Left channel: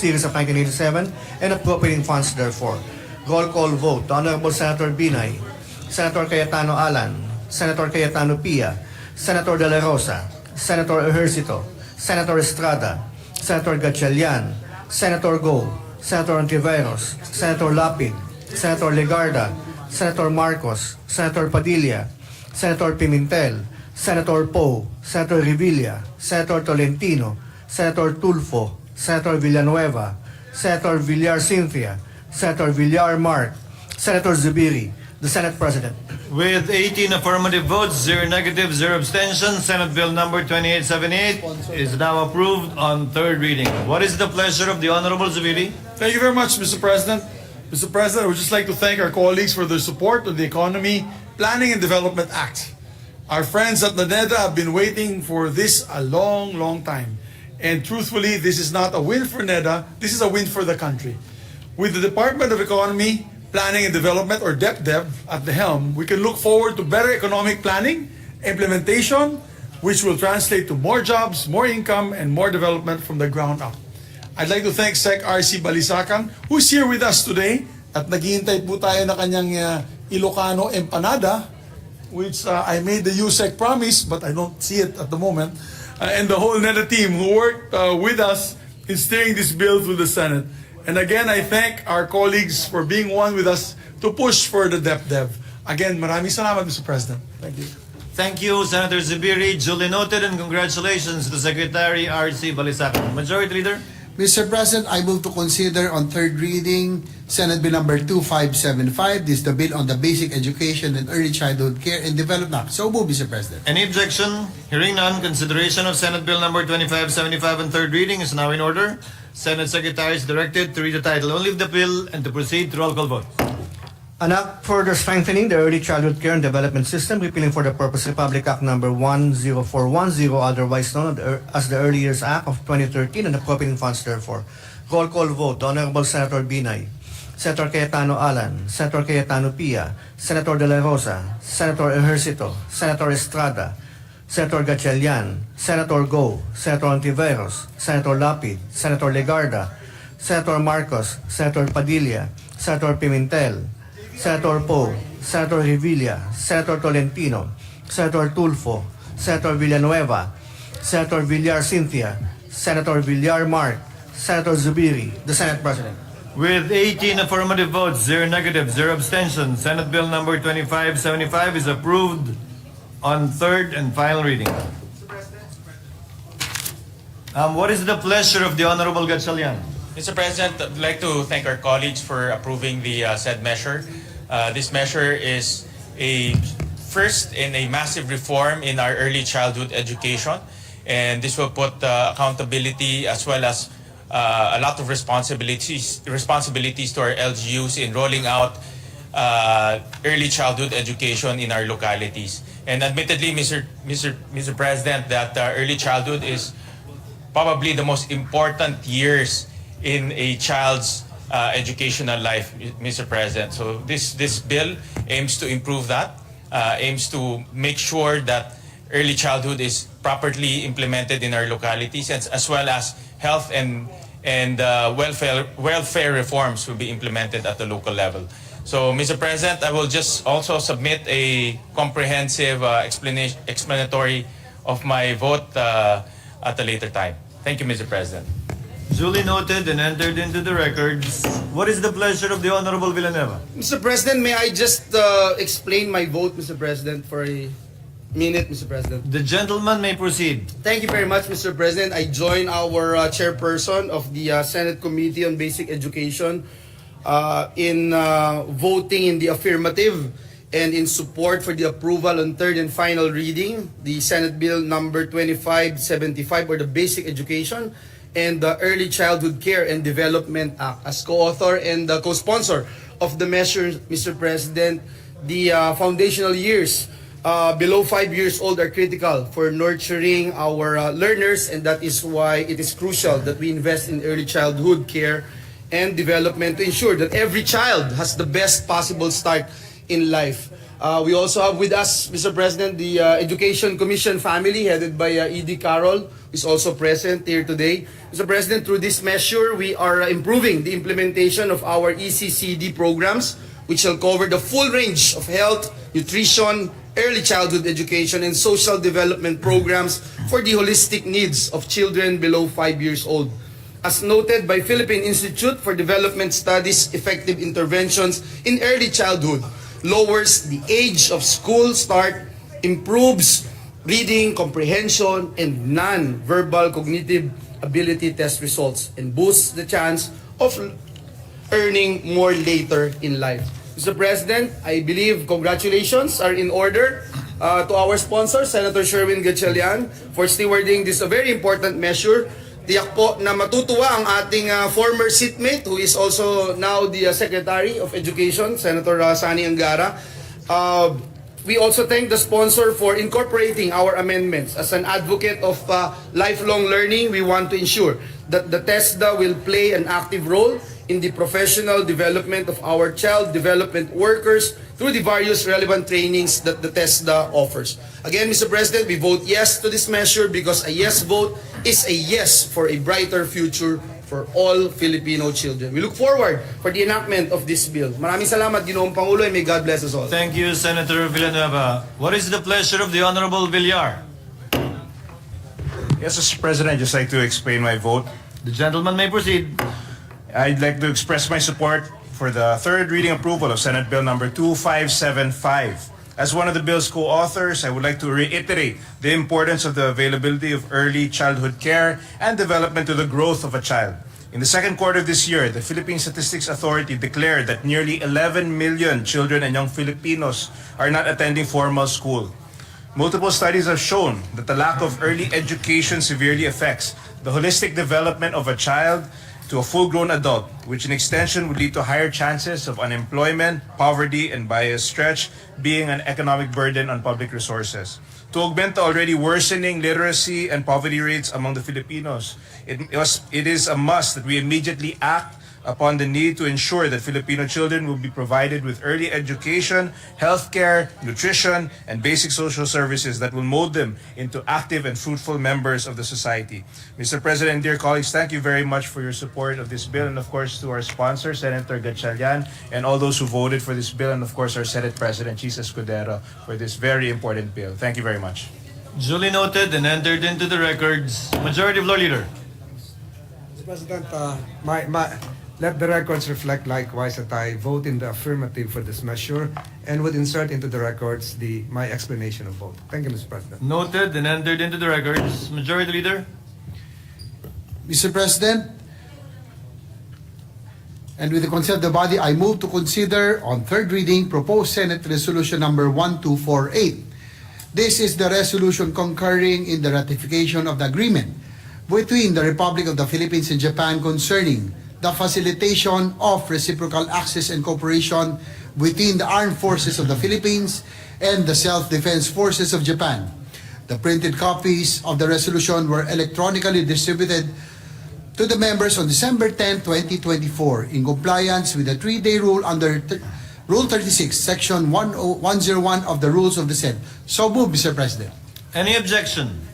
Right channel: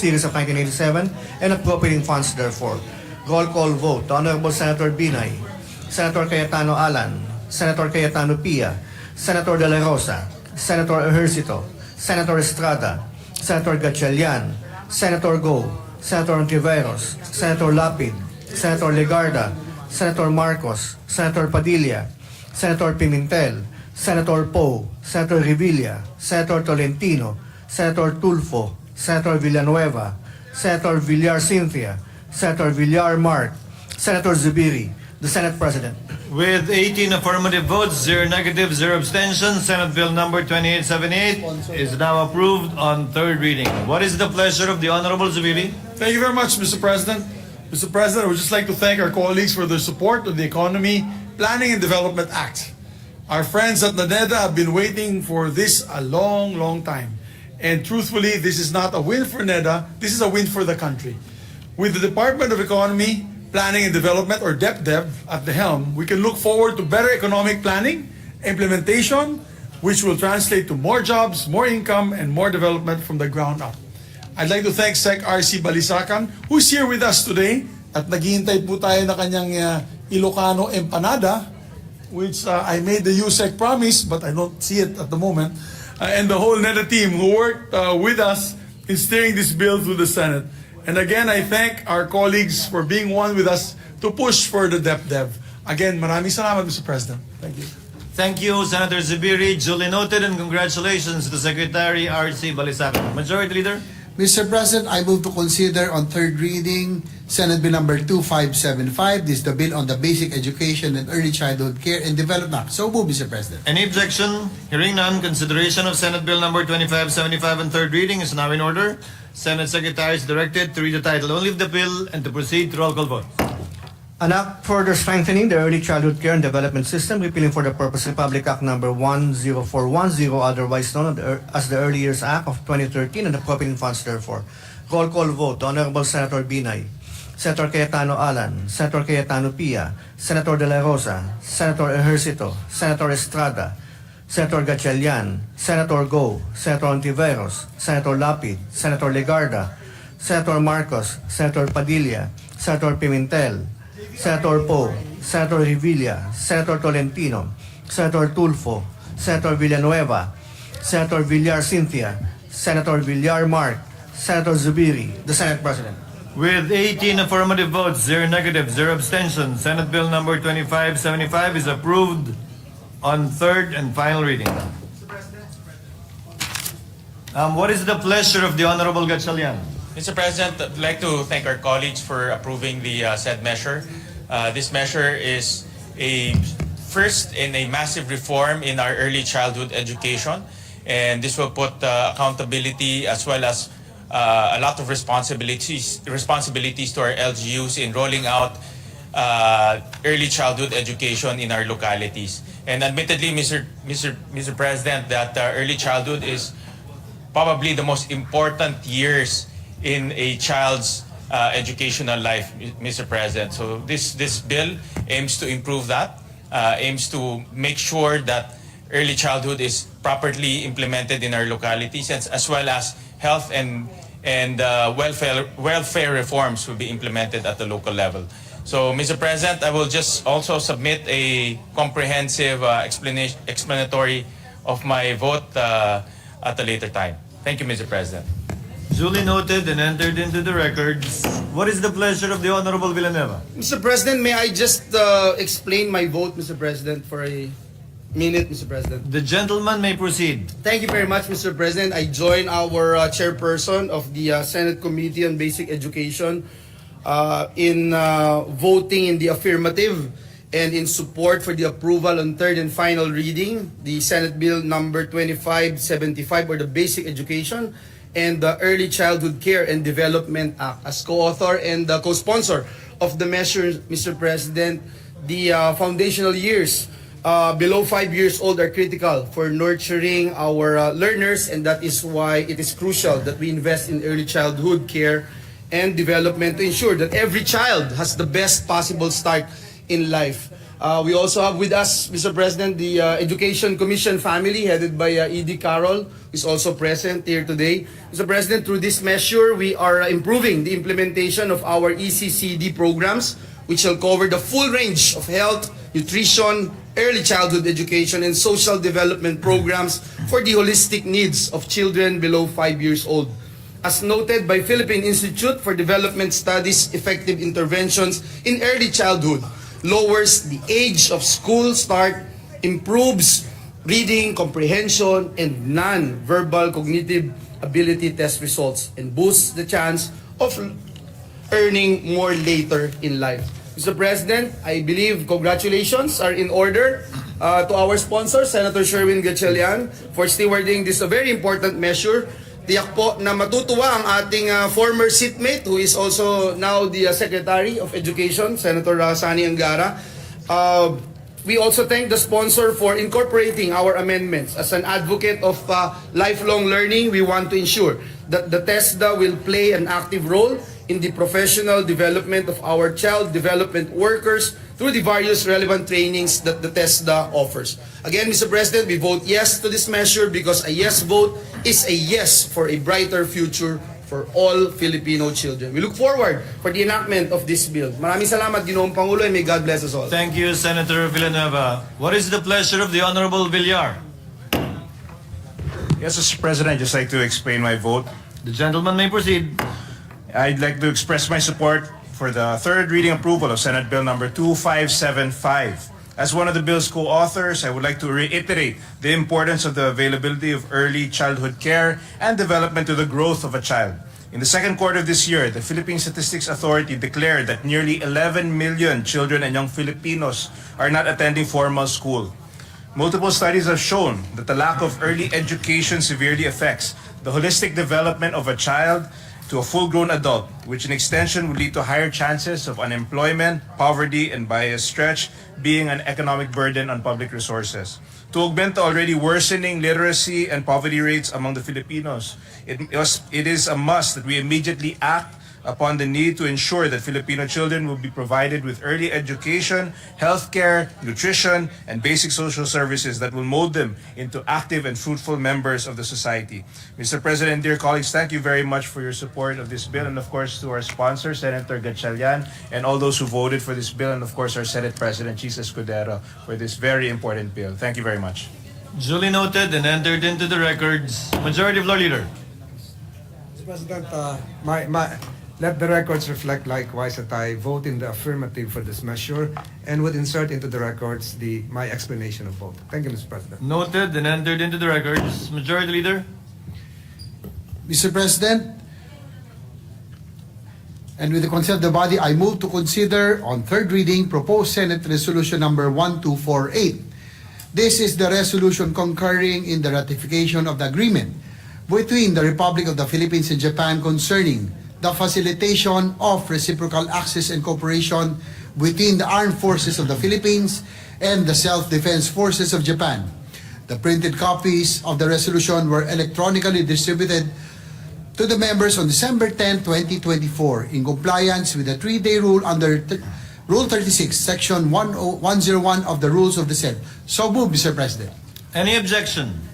series of 1987 and appropriating funds therefore. Roll call vote. The Honorable Senator Binay, Senator Cayetano Alan, Senator Cayetano Pia, Senator De La Rosa, Senator Ejercito, Senator Estrada, Senator Gatchalian, Senator Go, Senator Ontiveros, Senator Lapid, Senator Legarda, Senator Marcos, Senator Padilla, Senator Pimentel, Senator Poe, Senator Revilla, Senator Tolentino, Senator Tulfo, Senator Villanueva, Senator Villar Cynthia, Senator Villar Mark, Senator Zubiri, the Senate President. With 18 affirmative votes, 0 negative, 0 abstentions, Senate Bill number 2878 is now approved on third reading. What is the pleasure of the Honorable Zubiri? Thank you very much, Mr. President. Mr. President, I would just like to thank our colleagues for their support of the Economy Planning and Development Act. Our friends at NADEDA have been waiting for this a long, long time. And truthfully, this is not a win for NEDA, this is a win for the country. With the Department of Economy, Planning and Development, or DepDev, at the helm, we can look forward to better economic planning, implementation, which will translate to more jobs, more income, and more development from the ground up. I'd like to thank Sec. R.C. Balisacan, who's here with us today, at naghihintay po tayo na kanyang Ilocano empanada, which I made the USEC promise, but I don't see it at the moment, and the whole NEDA team who worked with us in steering this bill through the Senate. And again, I thank our colleagues for being one with us to push for the DepDev. Again, maraming salamat, Mr. President. Thank you. Thank you, Senator Zubiri. Duly noted, and congratulations to Secretary R.C. Balisacan. Majority Leader? Mr. President, I move to consider on third reading Senate Bill number 2575. This is the bill on the Basic Education and Early Childhood Care and Development Act. So move, Mr. President. Any objection? Hearing none, consideration of Senate Bill number 2575 on third reading is now in order. Senate Secretary is directed to read the title only of the bill and to proceed to roll call vote. An act further strengthening the early childhood care and development system, repealing for the purpose Republic Act number 10410, otherwise known as the Early Years Act of 2013, and appropriating funds therefore. Roll call vote. The Honorable Senator Binay, Senator Cayetano Alan, Senator Cayetano Pia, Senator De La Rosa, Senator Ejercito, Senator Estrada, Senator Gatchalian, Senator Go, Senator Ontiveros, Senator Lapid, Senator Legarda, Senator Marcos, Senator Padilla, Senator Pimentel, Senator Poe, Senator Revilla, Senator Tolentino, Senator Tulfo, Senator Villanueva, Senator Villar Cynthia, Senator Villar Mark, Senator Zubiri, the Senate President. With 18 affirmative votes, 0 negative, 0 abstentions, Senate Bill number 2575 is approved on third and final reading. What is the pleasure of the Honorable Gatchalian? Mr. President, I'd like to thank our colleagues for approving the said measure. This measure is a first in a massive reform in our early childhood education, and this will put accountability as well as a lot of responsibilities to our LGUs in rolling out early childhood education in our localities. And admittedly, Mr. President, that early childhood is probably the most important years in a child's educational life, Mr. President. So this bill aims to improve that, aims to make sure that early childhood is properly implemented in our localities, as well as health and welfare reforms will be implemented at the local level. So, Mr. President, I will just also submit a comprehensive explanatory of my vote at a later time. Thank you, Mr. President. Duly noted and entered into the records. What is the pleasure of the Honorable Villanueva? Mr. President, may I just explain my vote, Mr. President, for a minute, Mr. President? The gentleman may proceed. Thank you very much, Mr. President. I join our chairperson of the Senate Committee on Basic Education in voting in the affirmative and in support for the approval on third and final reading, the Senate Bill number 2575, or the Basic Education and the Early Childhood Care and Development Act. As co-author and co-sponsor of the measure, Mr. President, the foundational years below 5 years old are critical for nurturing our learners, and that is why it is crucial that we invest in early childhood care and development to ensure that every child has the best possible start in life. We also have with us, Mr. President, the Education Commission family headed by E.D. Carroll, who is also present here today. Mr. President, through this measure, we are improving the implementation of our ECCD programs, which will cover the full range of health, nutrition, early childhood education, and social development programs for the holistic needs of children below 5 years old. As noted by Philippine Institute for Development Studies, effective interventions in early childhood lowers the age of school start, improves reading, comprehension, and non-verbal cognitive ability test results, and boosts the chance of earning more later in life. Mr. President, I believe congratulations are in order to our sponsor, Senator Sherwin Gatchalian, for stewarding this a very important measure. Tiyak po na matutuwa ang ating former seatmate who is also now the Secretary of Education, Senator Sani Angara. We also thank the sponsor for incorporating our amendments. As an advocate of lifelong learning, we want to ensure that the TESDA will play an active role in the professional development of our child development workers through the various relevant trainings that the TESDA offers. Again, Mr. President, we vote yes to this measure because a yes vote is a yes for a brighter future for all Filipino children. We look forward for the enactment of this bill. Maraming salamat, Ginoong Pangulo, and may God bless us all. Thank you, Senator Villanueva. What is the pleasure of the Honorable Villar? Yes, Mr. President, I'd just like to explain my vote. The gentleman may proceed. I'd like to express my support for the third reading approval of Senate Bill number 2575. As one of the bill's co-authors, I would like to reiterate the importance of the availability of early childhood care and development to the growth of a child. In the second quarter of this year, the Philippine Statistics Authority declared that nearly 11 million children and young Filipinos are not attending formal school. Multiple studies have shown that the lack of early education severely affects the holistic development of a child to a full-grown adult, which in extension would lead to higher chances of unemployment, poverty, and by a stretch, being an economic burden on public resources. To augment the already worsening literacy and poverty rates among the Filipinos, it is a must that we immediately act upon the need to ensure that Filipino children will be provided with early education, healthcare, nutrition, and basic social services that will mold them into active and fruitful members of the society. Mr. President, dear colleagues, thank you very much for your support of this bill, and of course to our sponsor, Senator Gatchalian, and all those who voted for this bill, and of course our Senate President, Chis Escudero, for this very important bill. Thank you very much. Duly noted and entered into the records. Majority Floor Leader. Mr. President, let the records reflect likewise that I vote in the affirmative for this measure and would insert into the records my explanation of vote. Thank you, Mr. President. Noted and entered into the records. Majority Leader. Mr. President, and with the consent of the body, I move to consider on third reading proposed Senate Resolution number 1248. This is the resolution concurring in the ratification of the agreement between the Republic of the Philippines and Japan concerning the facilitation of reciprocal access and cooperation between the armed forces of the Philippines and the self-defense forces of Japan. The printed copies of the resolution were electronically distributed to the members on December 10, 2024 in compliance with the 3-day rule under Rule 36, Section 101 of the Rules of the Senate. So moved, Mr. President. Any objection?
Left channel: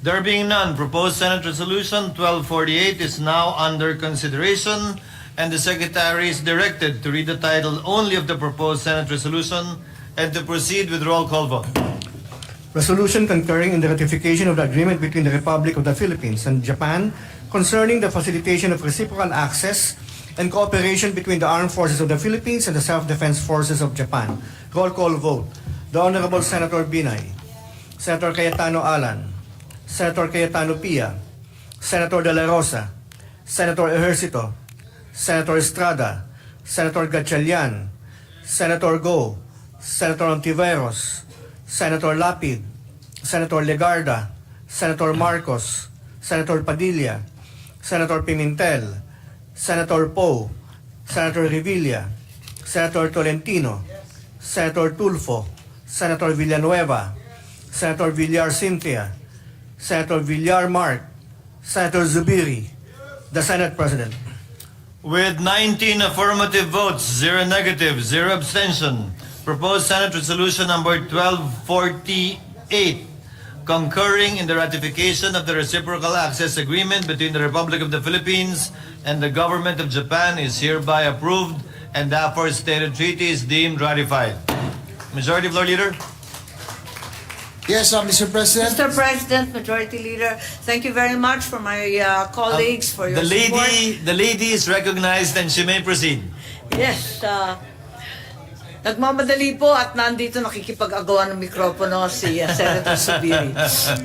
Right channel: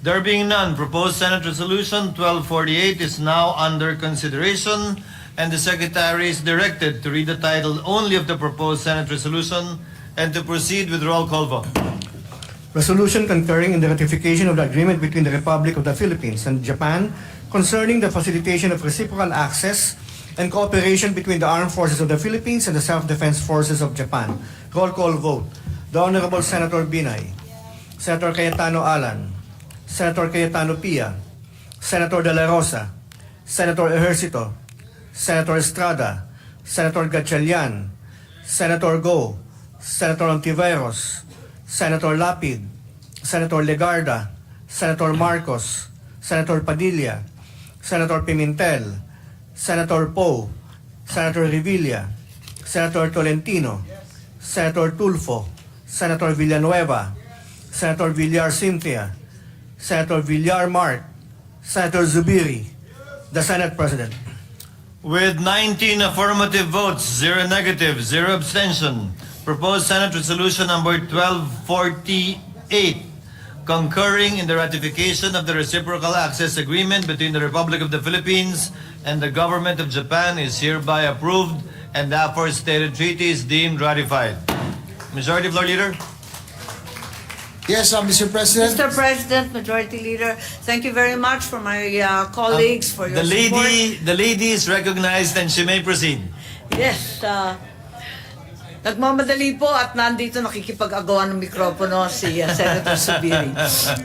There being none, proposed Senate Resolution 1248 is now under consideration, and the Secretary is directed to read the title only of the proposed Senate Resolution and to proceed with roll call vote. Resolution concurring in the ratification of the agreement between the Republic of the Philippines and Japan concerning the facilitation of reciprocal access and cooperation between the armed forces of the Philippines and the self-defense forces of Japan. Roll call vote. The Honorable Senator Binay, Senator Cayetano Alan, Senator Cayetano Pia, Senator De La Rosa, Senator Ejercito, Senator Estrada, Senator Gatchalian, Senator Go, Senator Ontiveros, Senator Lapid, Senator Legarda, Senator Marcos, Senator Padilla, Senator Pimentel, Senator Poe, Senator Revilla, Senator Tolentino, Senator Tulfo, Senator Villanueva, Senator Villar Cynthia, Senator Villar Mark, Senator Zubiri, the Senate President. With 19 affirmative votes, 0 negative, 0 abstention, Proposed Senate Resolution number 1248, concurring in the ratification of the Reciprocal Access Agreement between the Republic of the Philippines and the Government of Japan is hereby approved, and the aforestated treaty is deemed ratified. Majority Floor Leader. Yes, Mr. President. Mr. President, Majority Leader, thank you very much for my colleagues for your support. The lady is recognized and she may proceed. Yes, nagmamadali po at nandito nakikipag-agawan ng mikropono si Senator Zubiri.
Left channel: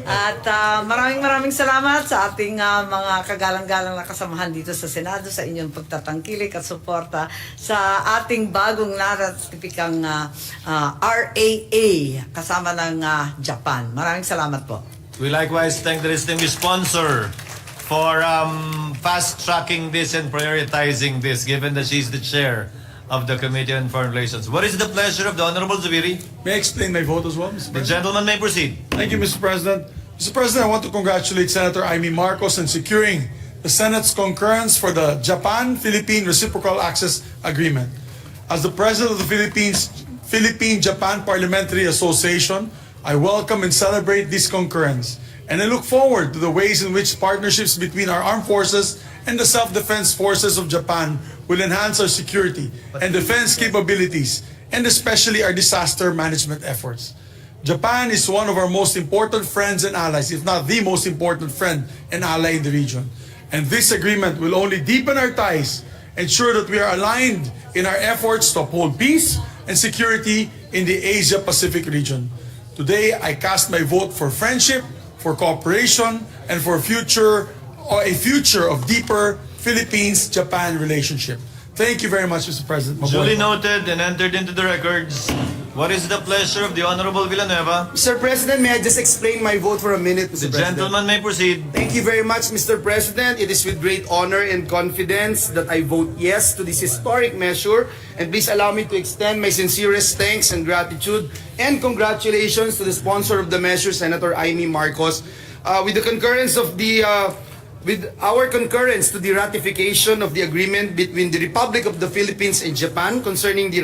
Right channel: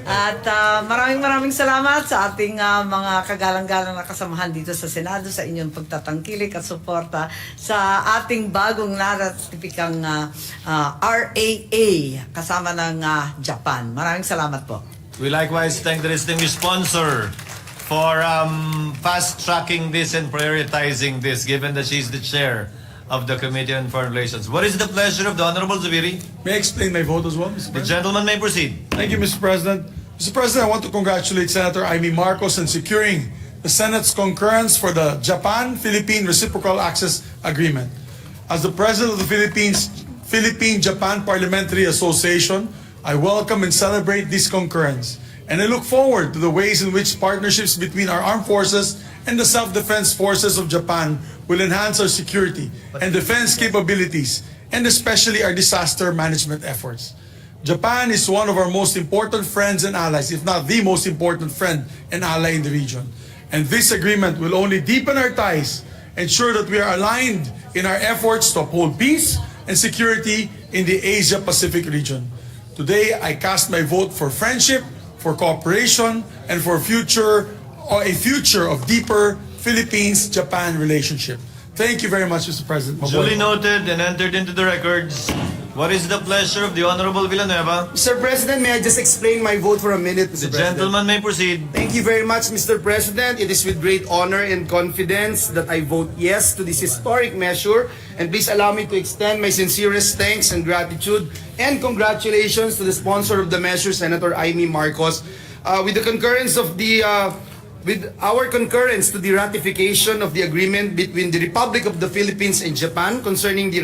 At maraming salamat sa ating mga kagalang-galang na kasamahan dito sa Senado sa inyong pagtatangkilik at suporta sa ating bagong naratipikang RAA kasama ng Japan. Maraming salamat po. We likewise thank the distinguished sponsor for fast-tracking this and prioritizing this, given that she's the chair of the Committee on Foreign Relations. What is the pleasure of the Honorable Zubiri? May I explain my vote as well, Mr. The President? gentleman may proceed. Thank you, Mr. President. Mr. President, I want to congratulate Senator Amy Marcos on securing the Senate's concurrence for the Japan-Philippine Reciprocal Access Agreement. As the President of the Philippine-Japan Parliamentary Association, I welcome and celebrate this concurrence. And I look forward to the ways in which partnerships between our armed forces and the self-defense forces of Japan will enhance our security and defense capabilities, and especially our disaster management efforts. Japan is one of our most important friends and allies, if not the most important friend and ally in the region. And this agreement will only deepen our ties, ensure that we are aligned in our efforts to uphold peace and security in the Asia-Pacific region. Today, I cast my vote for friendship, for cooperation, and for a future of deeper Philippines-Japan relationship. Thank you very much, Mr. President. Duly noted and entered into the records. What is the pleasure of the Honorable Villanueva? Mr. President, may I just explain my vote for a minute, The Mr. President? gentleman may proceed. Thank you very much, Mr. President. It is with great honor and confidence that I vote yes to this historic measure. And please allow me to extend my sincerest thanks and gratitude and congratulations to the sponsor of the measure, Senator Amy Marcos. With our concurrence to the ratification of the agreement between the Republic of the Philippines and Japan concerning the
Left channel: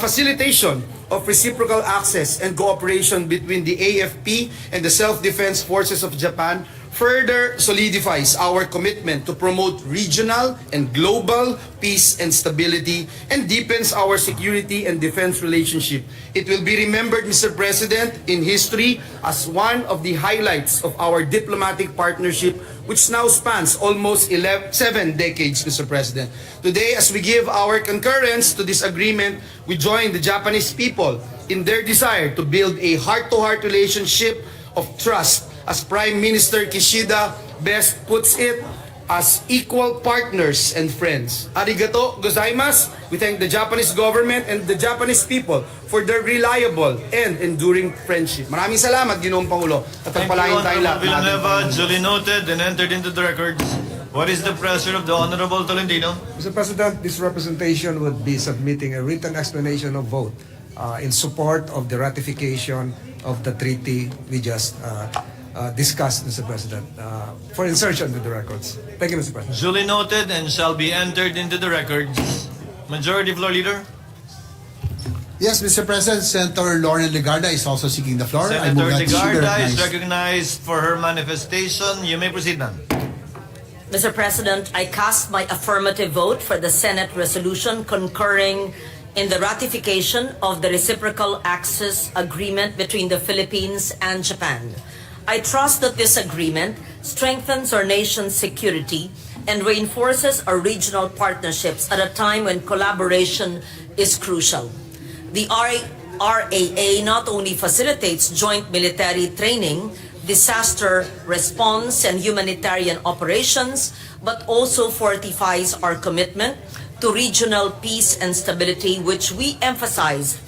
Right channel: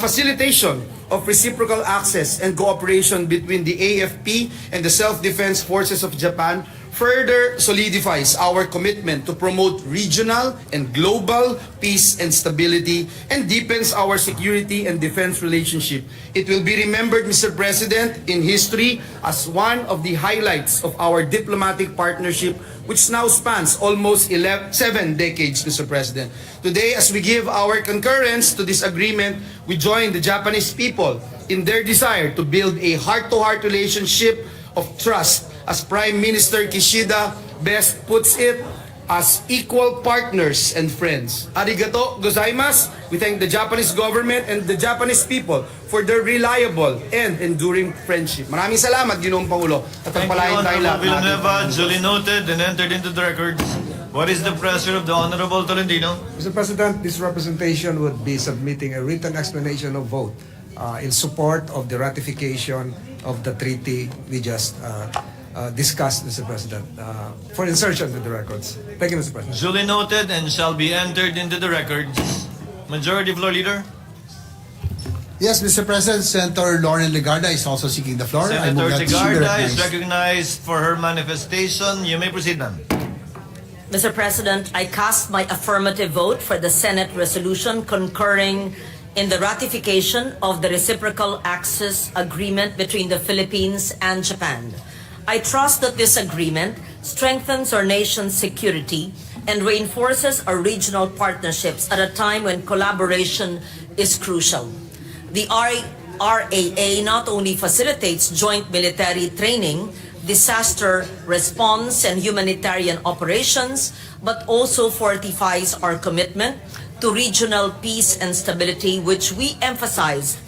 facilitation of reciprocal access and cooperation between the AFP and the Self-Defense Forces of Japan further solidifies our commitment to promote regional and global peace and stability and deepens our security and defense relationship. It will be remembered, Mr. President, in history as one of the highlights of our diplomatic partnership, which now spans almost 7 decades, Mr. President. Today, as we give our concurrence to this agreement, we join the Japanese people in their desire to build a heart-to-heart relationship of trust, as Prime Minister Kishida best puts it, as equal partners and friends. Arigato gozaimasu. We thank the Japanese government and the Japanese people for their reliable and enduring friendship. Maraming salamat, Ginoong Pangulo. At Thank you, pagpalain tayo Honorable lahat. Villanueva. Duly noted and entered into the records. What is the pleasure of the Honorable Tolentino? Mr. President, this representation would be submitting a written explanation of vote in support of the ratification of the treaty we just discussed, Mr. President, for insertion to the records. Thank you, Mr. President. Duly noted and shall be entered into the records. Majority Floor Leader. Yes, Mr. President, Senator Lauren Legarda is also seeking the floor. I Senator move that she be Legarda is recognized. recognized for her manifestation. You may proceed, ma'am. Mr. President, I cast my affirmative vote for the Senate resolution concurring in the ratification of the Reciprocal Access Agreement between the Philippines and Japan. I trust that this agreement strengthens our nation's security and reinforces our regional partnerships at a time when collaboration is crucial. The RAA not only facilitates joint military training, disaster response, and humanitarian operations, but also fortifies our commitment to regional peace and stability, which we emphasized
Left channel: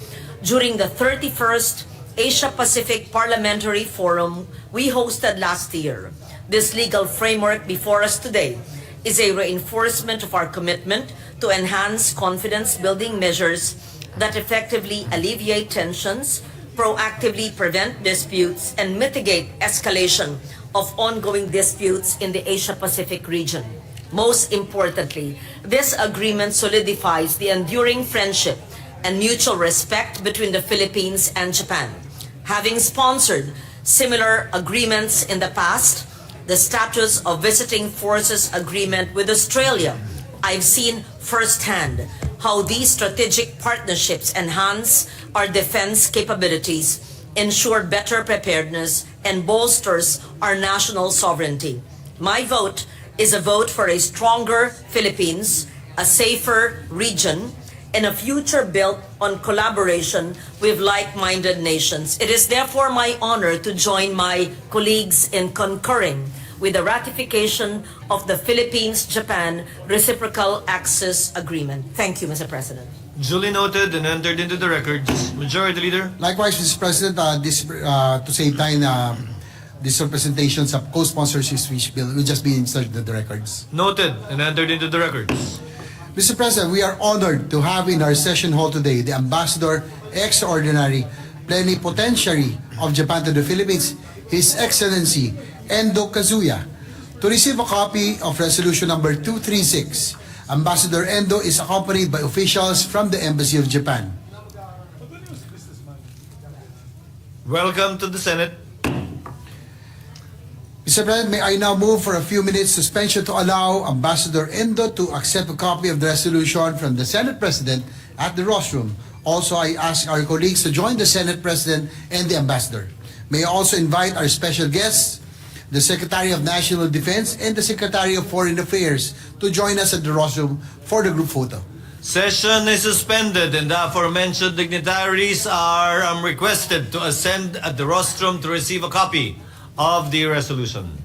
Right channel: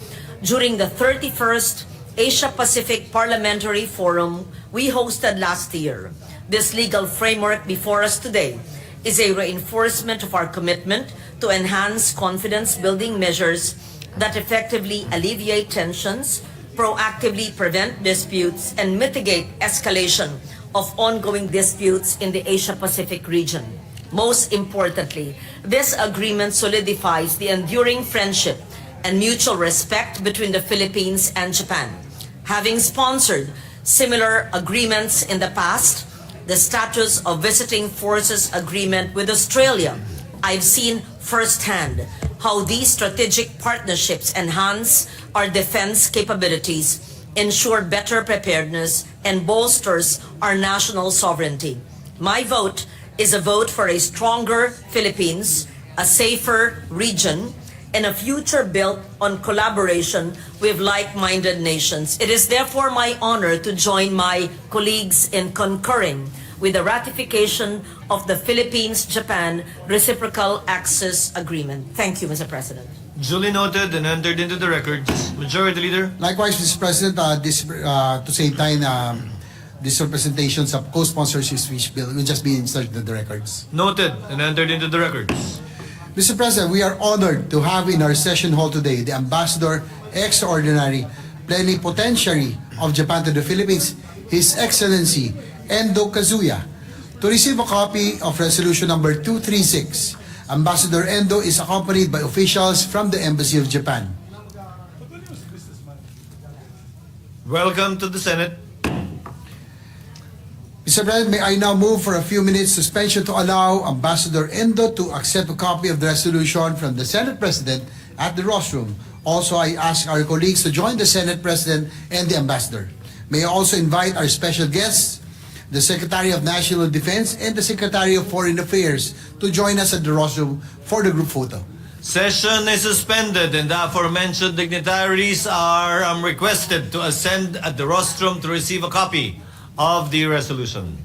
during the 31st Asia-Pacific Parliamentary Forum we hosted last year. This legal framework before us today is a reinforcement of our commitment to enhance confidence-building measures that effectively alleviate tensions, proactively prevent disputes, and mitigate escalation of ongoing disputes in the Asia-Pacific region. Most importantly, this agreement solidifies the enduring friendship and mutual respect between the Philippines and Japan. Having sponsored similar agreements in the past, the status of visiting forces agreement with Australia, I've seen firsthand how these strategic partnerships enhance our defense capabilities, ensure better preparedness, and bolsters our national sovereignty. My vote is a vote for a stronger Philippines, a safer region, and a future built on collaboration with like-minded nations. It is therefore my honor to join my colleagues in concurring with the ratification of the Philippines-Japan Reciprocal Access Agreement. Thank you, Mr. President. Duly noted and entered into the records. Majority Leader. Likewise, Mr. President, to save time, these representations of co-sponsors of which bill will just be inserted in the records. Noted and entered into the records. Mr. President, we are honored to have in our session hall today the Ambassador Extraordinary Plenipotentiary of Japan to the Philippines, His Excellency Endo Kazuya, to receive a copy of Resolution Number 236. Ambassador Endo is accompanied by officials from the Embassy of Japan. Welcome to the Senate. Mr. President, may I now move for a few minutes suspension to allow Ambassador Endo to accept a copy of the resolution from the Senate President at the rostrum. Also, I ask our colleagues to join the Senate President and the Ambassador. May I also invite our special guests, the Secretary of National Defense and the Secretary of Foreign Affairs, to join us at the rostrum for the group photo. Session is suspended and the aforementioned dignitaries are requested to ascend at the rostrum to receive a copy of the resolution.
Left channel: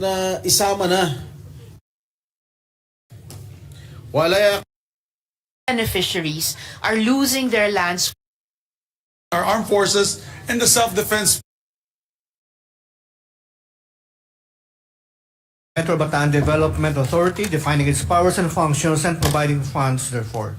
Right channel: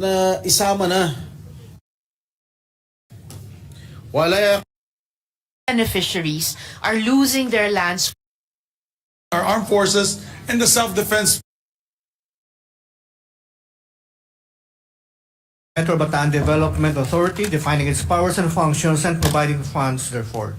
na isama na. Wala beneficiaries are losing their lands. Our armed forces and the self-defense Metro Bataan Development Authority, defining its powers and functions and providing funds therefore.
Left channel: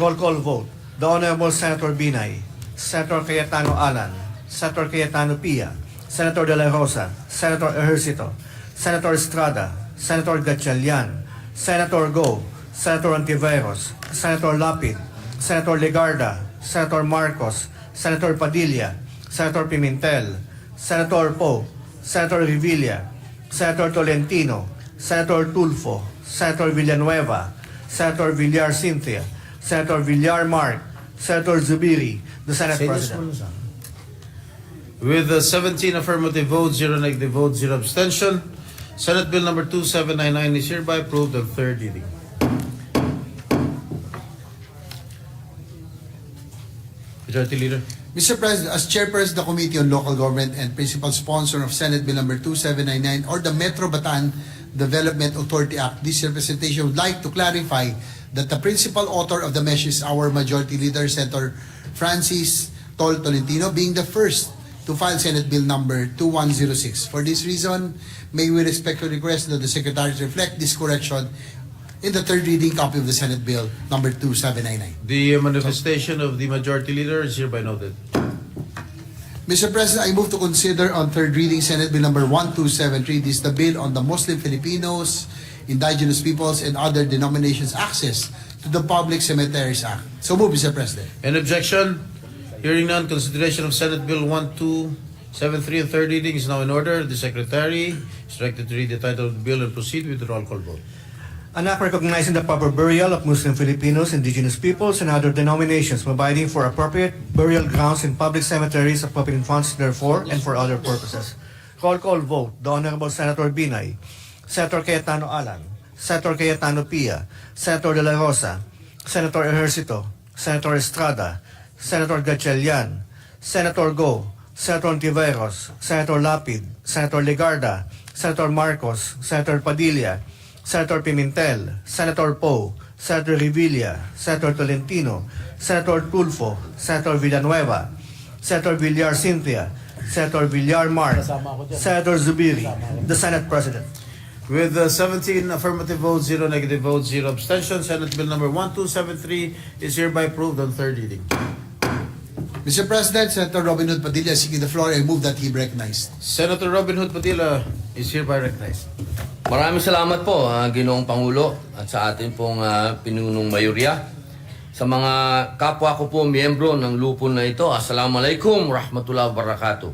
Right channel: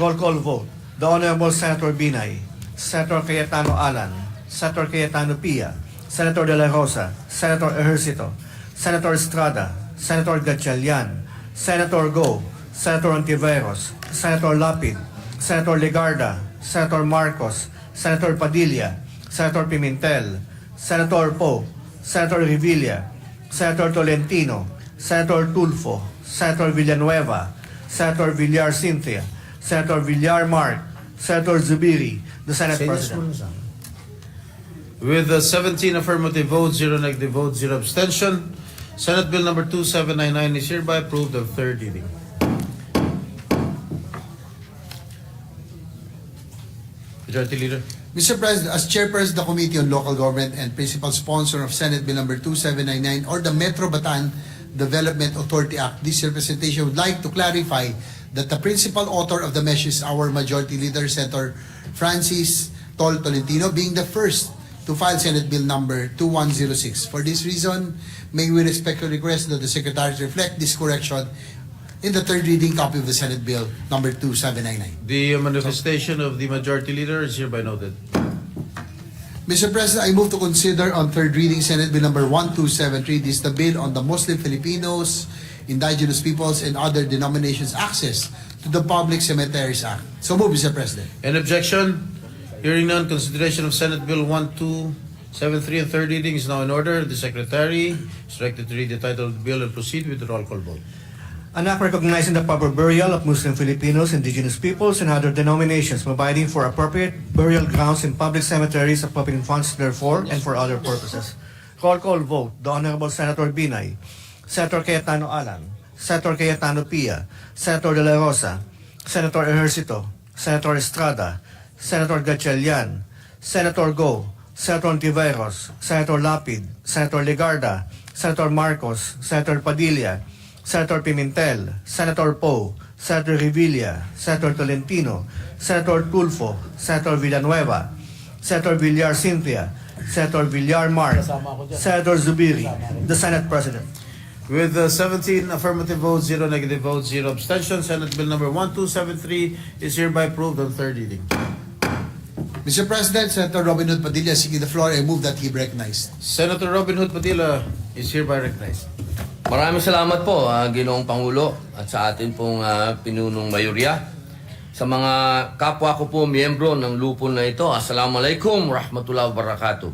Roll call vote. The Honorable Senator Binay, Senator Cayetano Alan, Senator Cayetano Pia, Senator De La Rosa, Senator Ejercito, Senator Estrada, Senator Gatchalian, Senator Go, Senator Antiveros, Senator Lapid, Senator Legarda, Senator Marcos, Senator Padilla, Senator Pimentel, Senator Poe, Senator Revilla, Senator Tolentino, Senator Tulfo, Senator Villanueva, Senator Villar Cynthia, Senator Villar Mark, Senator Zubiri, the Senate President. with 17 affirmative votes, 0 negative votes, 0 abstention. Senate Bill number 2799 is hereby approved on third reading. Majority Leader. Mr. President, as chairperson of the Committee on Local Government and principal sponsor of Senate Bill number 2799 or the Metro Bataan Development Authority Act, this representation would like to clarify that the principal author of the measure is our Majority Leader, Senator Francis Tolentino, being the first to file Senate Bill number 2106. For this reason, may we respectfully request that the Secretary reflect this correction in the third reading copy of the Senate Bill number 2799. The manifestation of the Majority Leader is hereby noted. Mr. President, I move to consider on third reading Senate Bill number 1273. This is the bill on the Muslim Filipinos, Indigenous Peoples, and other denominations' access to the Public Cemeteries Act. So move, Mr. President. Any objection? Hearing none, consideration of Senate Bill 1273 on third reading is now in order. The Secretary is directed to read the title of the bill and proceed with the roll call vote. An act recognizing the proper burial of Muslim Filipinos, indigenous peoples, and other denominations, providing for appropriate burial grounds in public cemeteries, appropriating funds therefore, and for other purposes. Roll call vote. The Honorable Senator Binay, Senator Cayetano Alan, Senator Cayetano Pia, Senator De La Rosa, Senator Ejercito, Senator Estrada, Senator Gatchalian, Senator Go, Senator Antiveros, Senator Lapid, Senator Legarda, Senator Marcos, Senator Padilla, Senator Pimentel, Senator Poe, Senator Revilla, Senator Tolentino, Senator Tulfo, Senator Villanueva, Senator Villar Cynthia, Senator Villar Mark, Senator Zubiri, the Senate President. With 17 affirmative votes, 0 negative votes, 0 abstention, Senate Bill number 1273 is hereby approved on third reading. Mr. President, Senator Robin Hood Padilla seeking the floor. I move that he be recognized. Senator Robin Hood Padilla is hereby recognized. Maraming salamat po, Ginoong Pangulo, at sa atin pong pinunong mayorya. Sa mga kapwa ko po, miyembro ng lupon na ito, Assalamualaikum warahmatullahi wabarakatuh.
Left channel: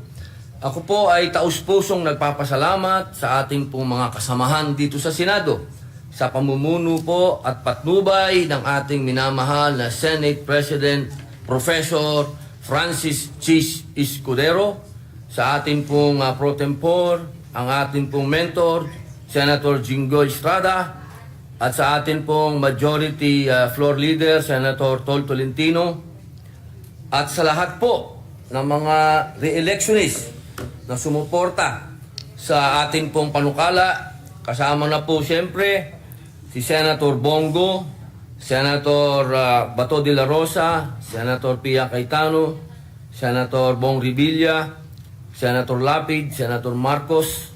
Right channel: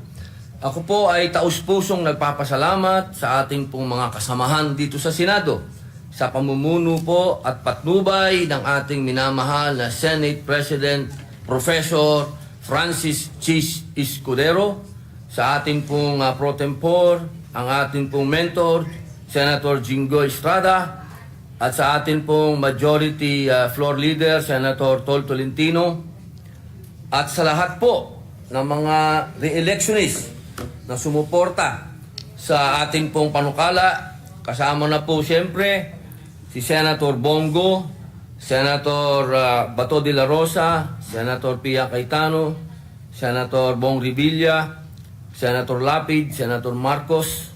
Ako po ay taus-pusong nagpapasalamat sa ating pong mga kasamahan dito sa Senado sa pamumuno po at patnubay ng ating minamahal na Senate President Professor Francis Chis Escudero, sa ating pong pro tempore, ang ating pong mentor, Senator Jingo Estrada, at sa atin pong majority floor leader, Senator Tol Tolentino, at sa lahat po ng mga re-electionist na sumuporta sa atin pong panukala, kasama na po siyempre si Senator Bongo, Senator Bato de la Rosa, Senator Pia Cayetano, Senator Bong Revilla, Senator Lapid, Senator Marcos,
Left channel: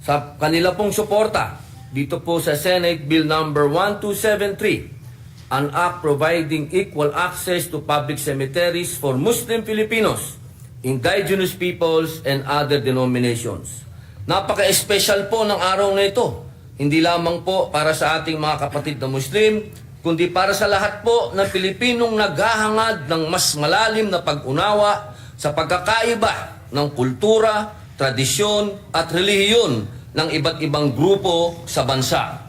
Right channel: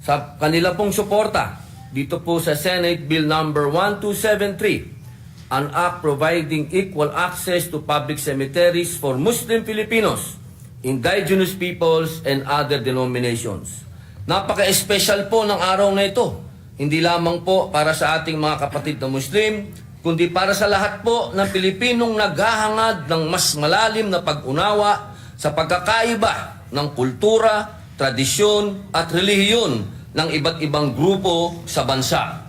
sa kanila pong suporta dito po sa Senate Bill number 1273, an act providing equal access to public cemeteries for Muslim Filipinos, indigenous peoples, and other denominations. Napaka-espesyal po ng araw na ito. Hindi lamang po para sa ating mga kapatid na Muslim, kundi para sa lahat po ng Pilipinong naghahangad ng mas malalim na pag-unawa sa pagkakaiba ng kultura, tradisyon at relihiyon ng iba't ibang grupo sa bansa.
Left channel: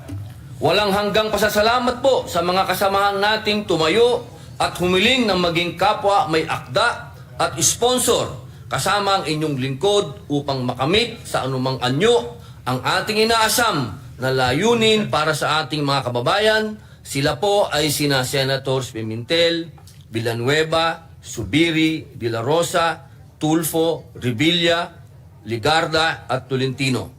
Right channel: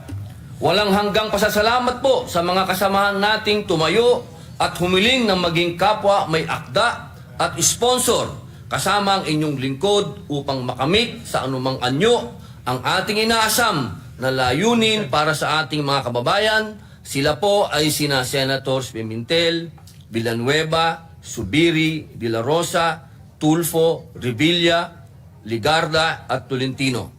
Walang hanggang pasasalamat po sa mga kasamahan nating tumayo at humiling ng maging kapwa may akda at sponsor kasama ang inyong lingkod upang makamit sa anumang anyo ang ating inaasam na layunin para sa ating mga kababayan. Sila po ay sina Senators Pimentel, Villanueva, Zubiri, De La Rosa, Tulfo, Revilla, Legarda at Tolentino.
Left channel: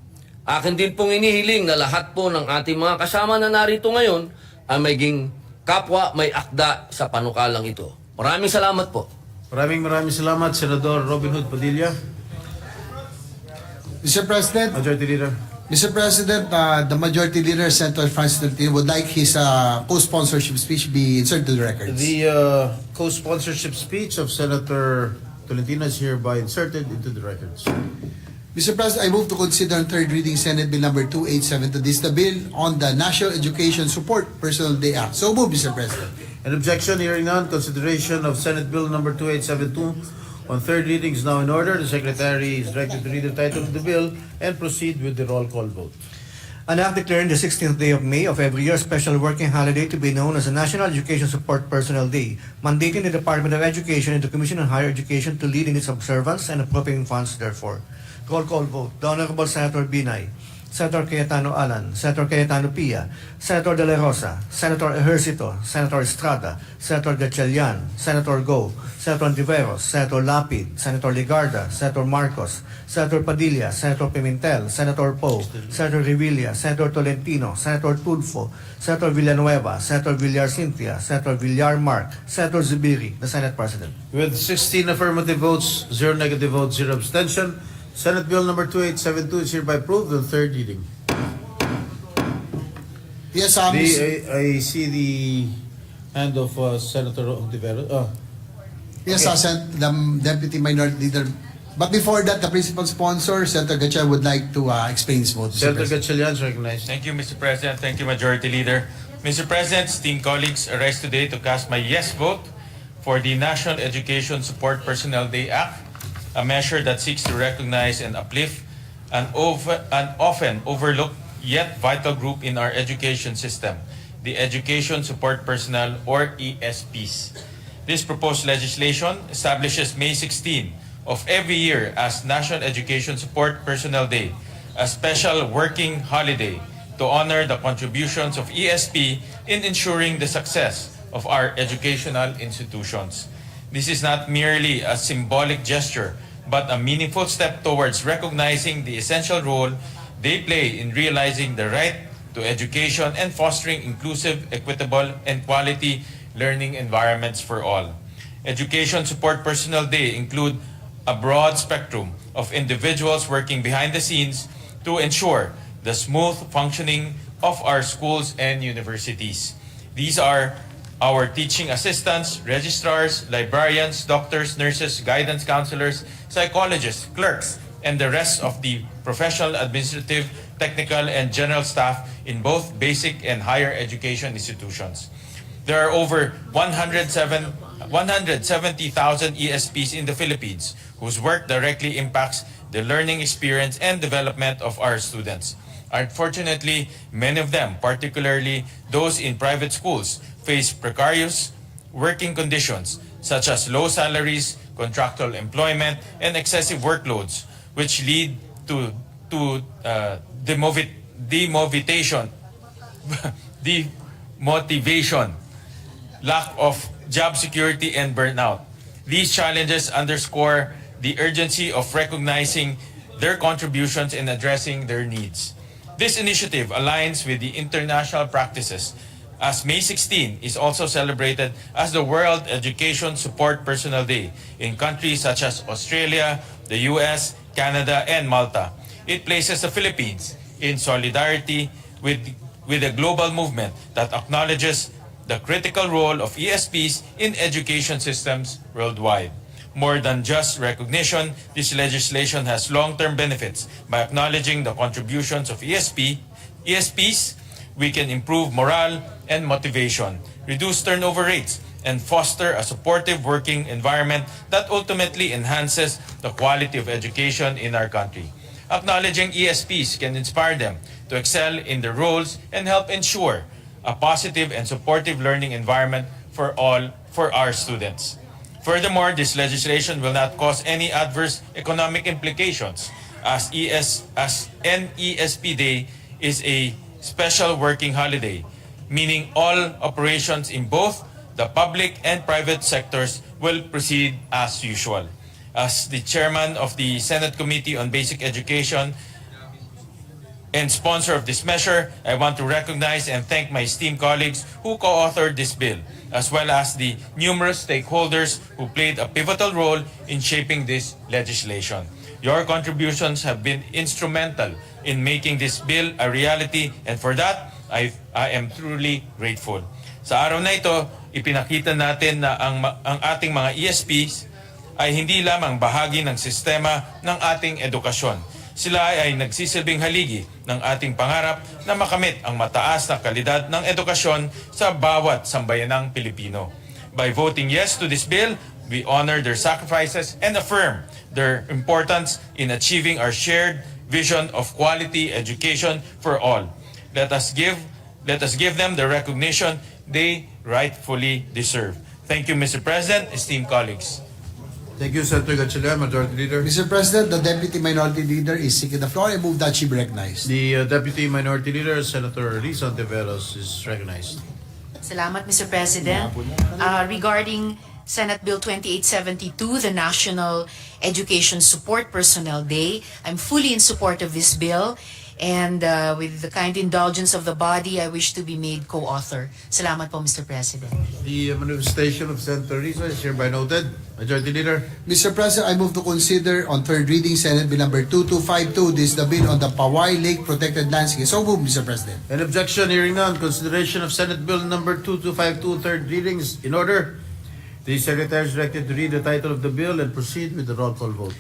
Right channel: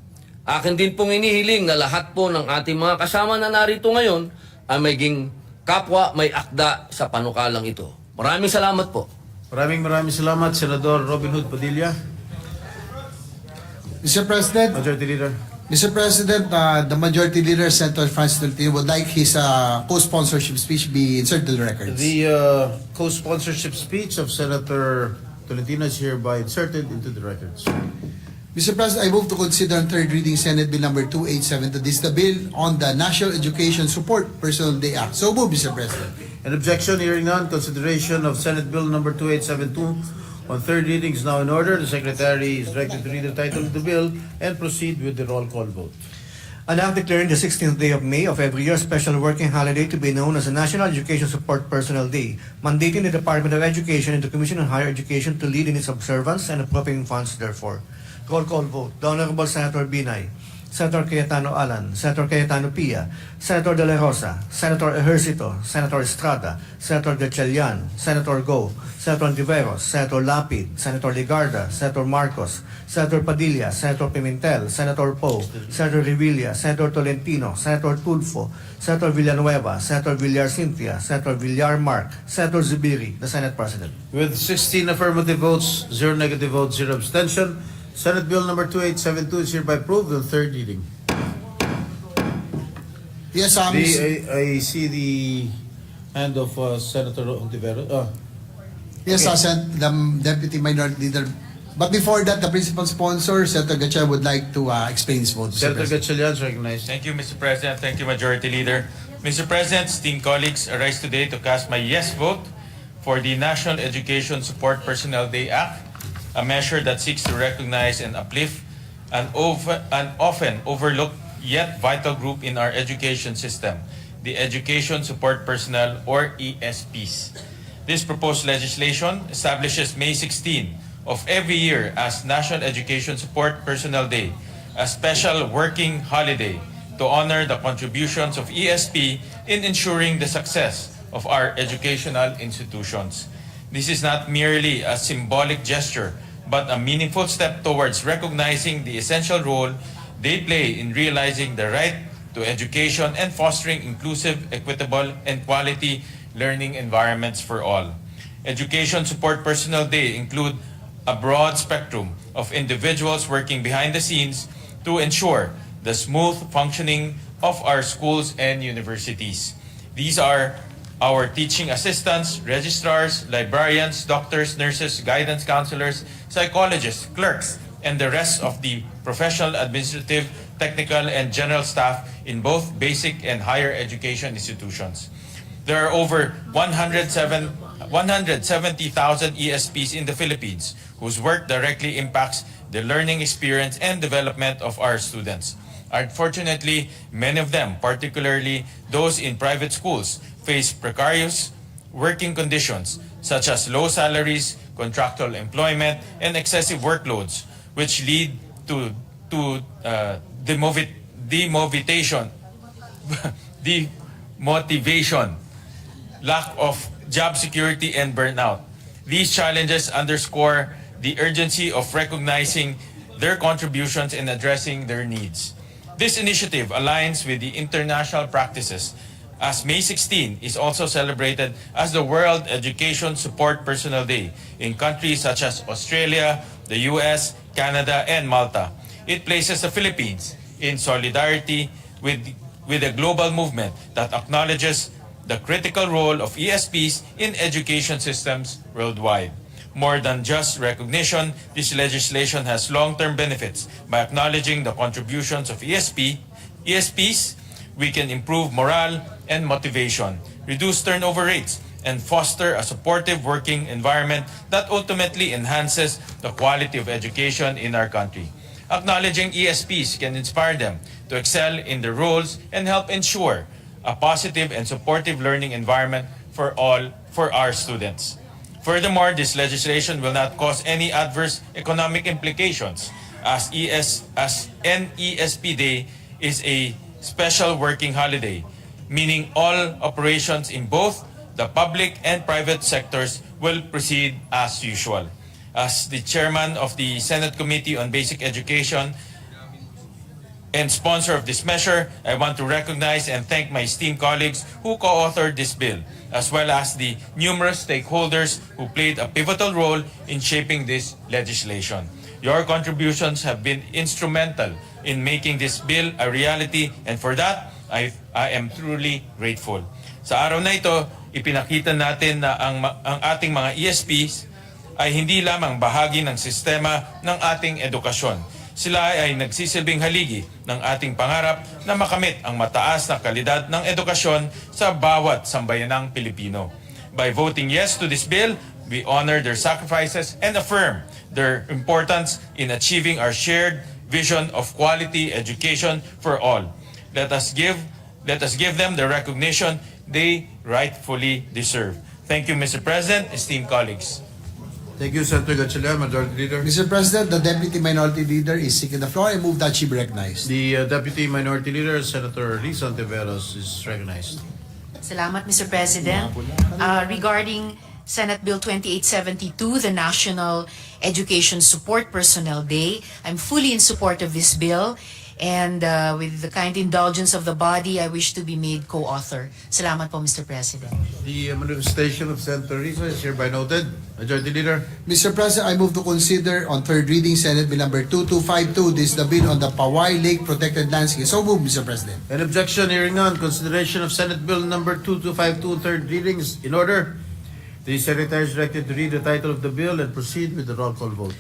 Akin din pong inihiling na lahat po ng ating mga kasama na narito ngayon ay maging kapwa may akda sa panukalang ito. Maraming salamat po. Maraming salamat, Senador Robin Hood Padilla. Mr. President, Majority Leader. Mr. President, the Majority Leader, Senator Francis Tolentino, would like his co-sponsorship speech be inserted to the records. The co-sponsorship speech of Senator Tolentino is hereby inserted into the records. Mr. President, I move to consider on third reading Senate Bill number 287. This is the bill on the National Education Support Personal Day Act. So move, Mr. President. An objection, hearing none, consideration of Senate Bill number 2872 on third reading is now in order. The Secretary is directed to read the title of the bill and proceed with the roll call vote. An act declaring the 16th day of May of every year special working holiday to be known as the National Education Support Personnel Day, mandating the Department of Education and the Commission on Higher Education to lead in its observance and appropriating funds therefore. Roll call vote. The Honorable Senator Binay, Senator Cayetano Alan, Senator Cayetano Pia, Senator De La Rosa, Senator Ejercito, Senator Estrada, Senator Gatchalian, Senator Go, Senator Antiveros, Senator Lapid, Senator Ligarda, Senator Marcos, Senator Padilla, Senator Pimentel, Senator Poe, Senator Revilla, Senator Tolentino, Senator Tulfo, Senator Villanueva, Senator Villar Cynthia, Senator Villar Mark, Senator Zubiri, the Senate President. With 16 affirmative votes, 0 negative votes, 0 abstention, Senate Bill number 2872 is hereby approved on third reading. Yes, I see the hand of Senator Ontiveros. Yes, the Deputy Minority Leader. But before that, the principal sponsor, Senator Gatchalian, would like to explain his vote. Mr. Senator President. Gatchalian is recognized. Thank you, Mr. President. Thank you, Majority Leader. Mr. President, esteemed colleagues, I rise today to cast my yes vote for the National Education Support Personnel Day Act, a measure that seeks to recognize and uplift an often overlooked yet vital group in our education system, the Education Support Personnel, or ESPs. This proposed legislation establishes May 16 of every year as National Education Support Personnel Day, a special working holiday to honor the contributions of ESP in ensuring the success of our educational institutions. This is not merely a symbolic gesture, but a meaningful step towards recognizing the essential role they play in realizing the right to education and fostering inclusive, equitable, and quality learning environments for all. Education Support Personnel Day include a broad spectrum of individuals working behind the scenes to ensure the smooth functioning of our schools and universities. These are our teaching assistants, registrars, librarians, doctors, nurses, guidance counselors, psychologists, clerks, and the rest of the professional, administrative, technical, and general staff in both basic and higher education institutions. There are over 170,000 ESPs in the Philippines whose work directly impacts the learning experience and development of our students. Unfortunately, many of them, particularly those in private schools, face precarious working conditions such as low salaries, contractual employment, and excessive workloads, which lead to demotivation, lack of job security, and burnout. These challenges underscore the urgency of recognizing their contributions and addressing their needs. This initiative aligns with the international practices, as May 16 is also celebrated as the World Education Support Personnel Day in countries such as Australia, the US, Canada, and Malta. It places the Philippines in solidarity with a global movement that acknowledges the critical role of ESPs in education systems worldwide. More than just recognition, this legislation has long-term benefits. By acknowledging the contributions of ESPs, we can improve morale and motivation, reduce turnover rates, and foster a supportive working environment that ultimately enhances the quality of education in our country. Acknowledging ESPs can inspire them to excel in their roles and help ensure a positive and supportive learning environment for our students. Furthermore, this legislation will not cause any adverse economic implications, as NESP Day is a special working holiday, meaning all operations in both the public and private sectors will proceed as usual. As the chairman of the Senate Committee on Basic Education, and sponsor of this measure, I want to recognize and thank my esteemed colleagues who co-authored this bill, as well as the numerous stakeholders who played a pivotal role in shaping this legislation. Your contributions have been instrumental in making this bill a reality, and for that, I am truly grateful. Sa araw na ito, ipinakita natin na ang ating mga ESPs ay hindi lamang bahagi ng sistema ng ating edukasyon. Sila ay nagsisilbing haligi ng ating pangarap na makamit ang mataas na kalidad ng edukasyon sa bawat sambayanang Pilipino. By voting yes to this bill, we honor their sacrifices and affirm their importance in achieving our shared vision of quality education for all. Let us give them the recognition they rightfully deserve. Thank you, Mr. President, esteemed colleagues. Thank you, Senator Gatchalian, Majority Leader. Mr. President, the Deputy Minority Leader is seeking the floor. I move that she be recognized. The Deputy Minority Leader, Senator Riza Ontiveros, is recognized. Salamat, Mr. President. Regarding Senate Bill 2872, the National Education Support Personnel Day, I'm fully in support of this bill. And with the kind indulgence of the body, I wish to be made co-author. Salamat po, Mr. President. The manifestation of Senator Riza is hereby noted. Majority Leader. Mr. President, I move to consider on third reading Senate Bill number 2252. This is the bill on the Pawai Lake Protected Landscape. So move, Mr. President. An objection, hearing none. Consideration of Senate Bill number 2252, third reading is in order. The Secretary is directed to read the title of the bill and proceed with the roll call vote.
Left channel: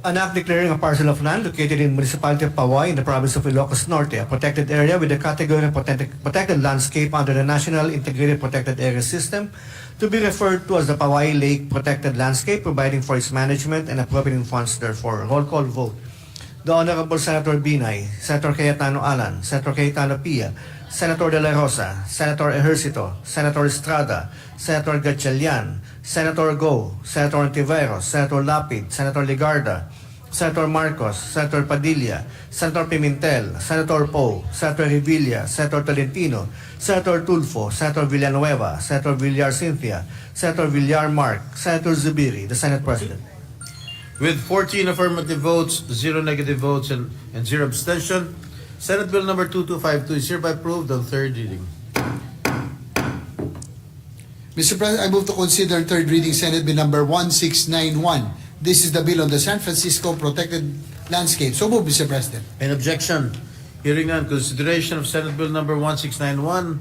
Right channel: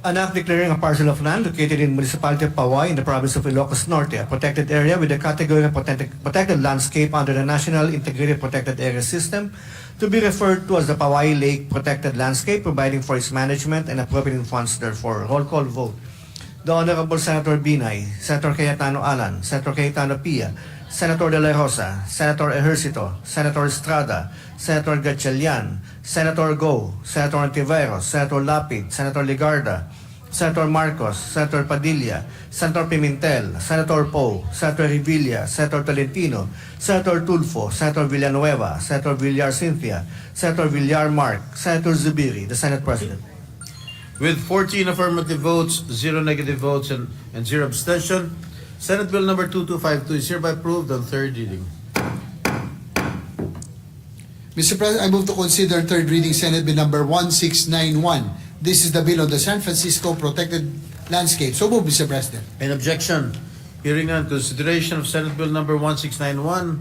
An act declaring a parcel of land located in municipality of Pawai in the province of Ilocos Norte, a protected area with the category of protected landscape under the National Integrated Protected Area System, to be referred to as the Pawai Lake Protected Landscape, providing for its management and appropriating funds therefore. Roll call vote. The Honorable Senator Binay, Senator Cayetano Alan, Senator Cayetano Pia, Senator De La Rosa, Senator Ejercito, Senator Estrada, Senator Gatchalian, Senator Go, Senator Ontiveros, Senator Lapid, Senator Ligarda, Senator Marcos, Senator Padilla, Senator Pimentel, Senator Poe, Senator Revilla, Senator Tolentino, Senator Tulfo, Senator Villanueva, Senator Villar Cynthia, Senator Villar Mark, Senator Zubiri, the Senate President. With 14 affirmative votes, 0 negative votes, and 0 abstention, Senate Bill number 2252 is hereby approved on third reading. Mr. President, I move to consider third reading Senate Bill number 1691. This is the bill on the San Francisco Protected Landscape. So move, Mr. President. An objection, hearing none. Consideration of Senate Bill number 1691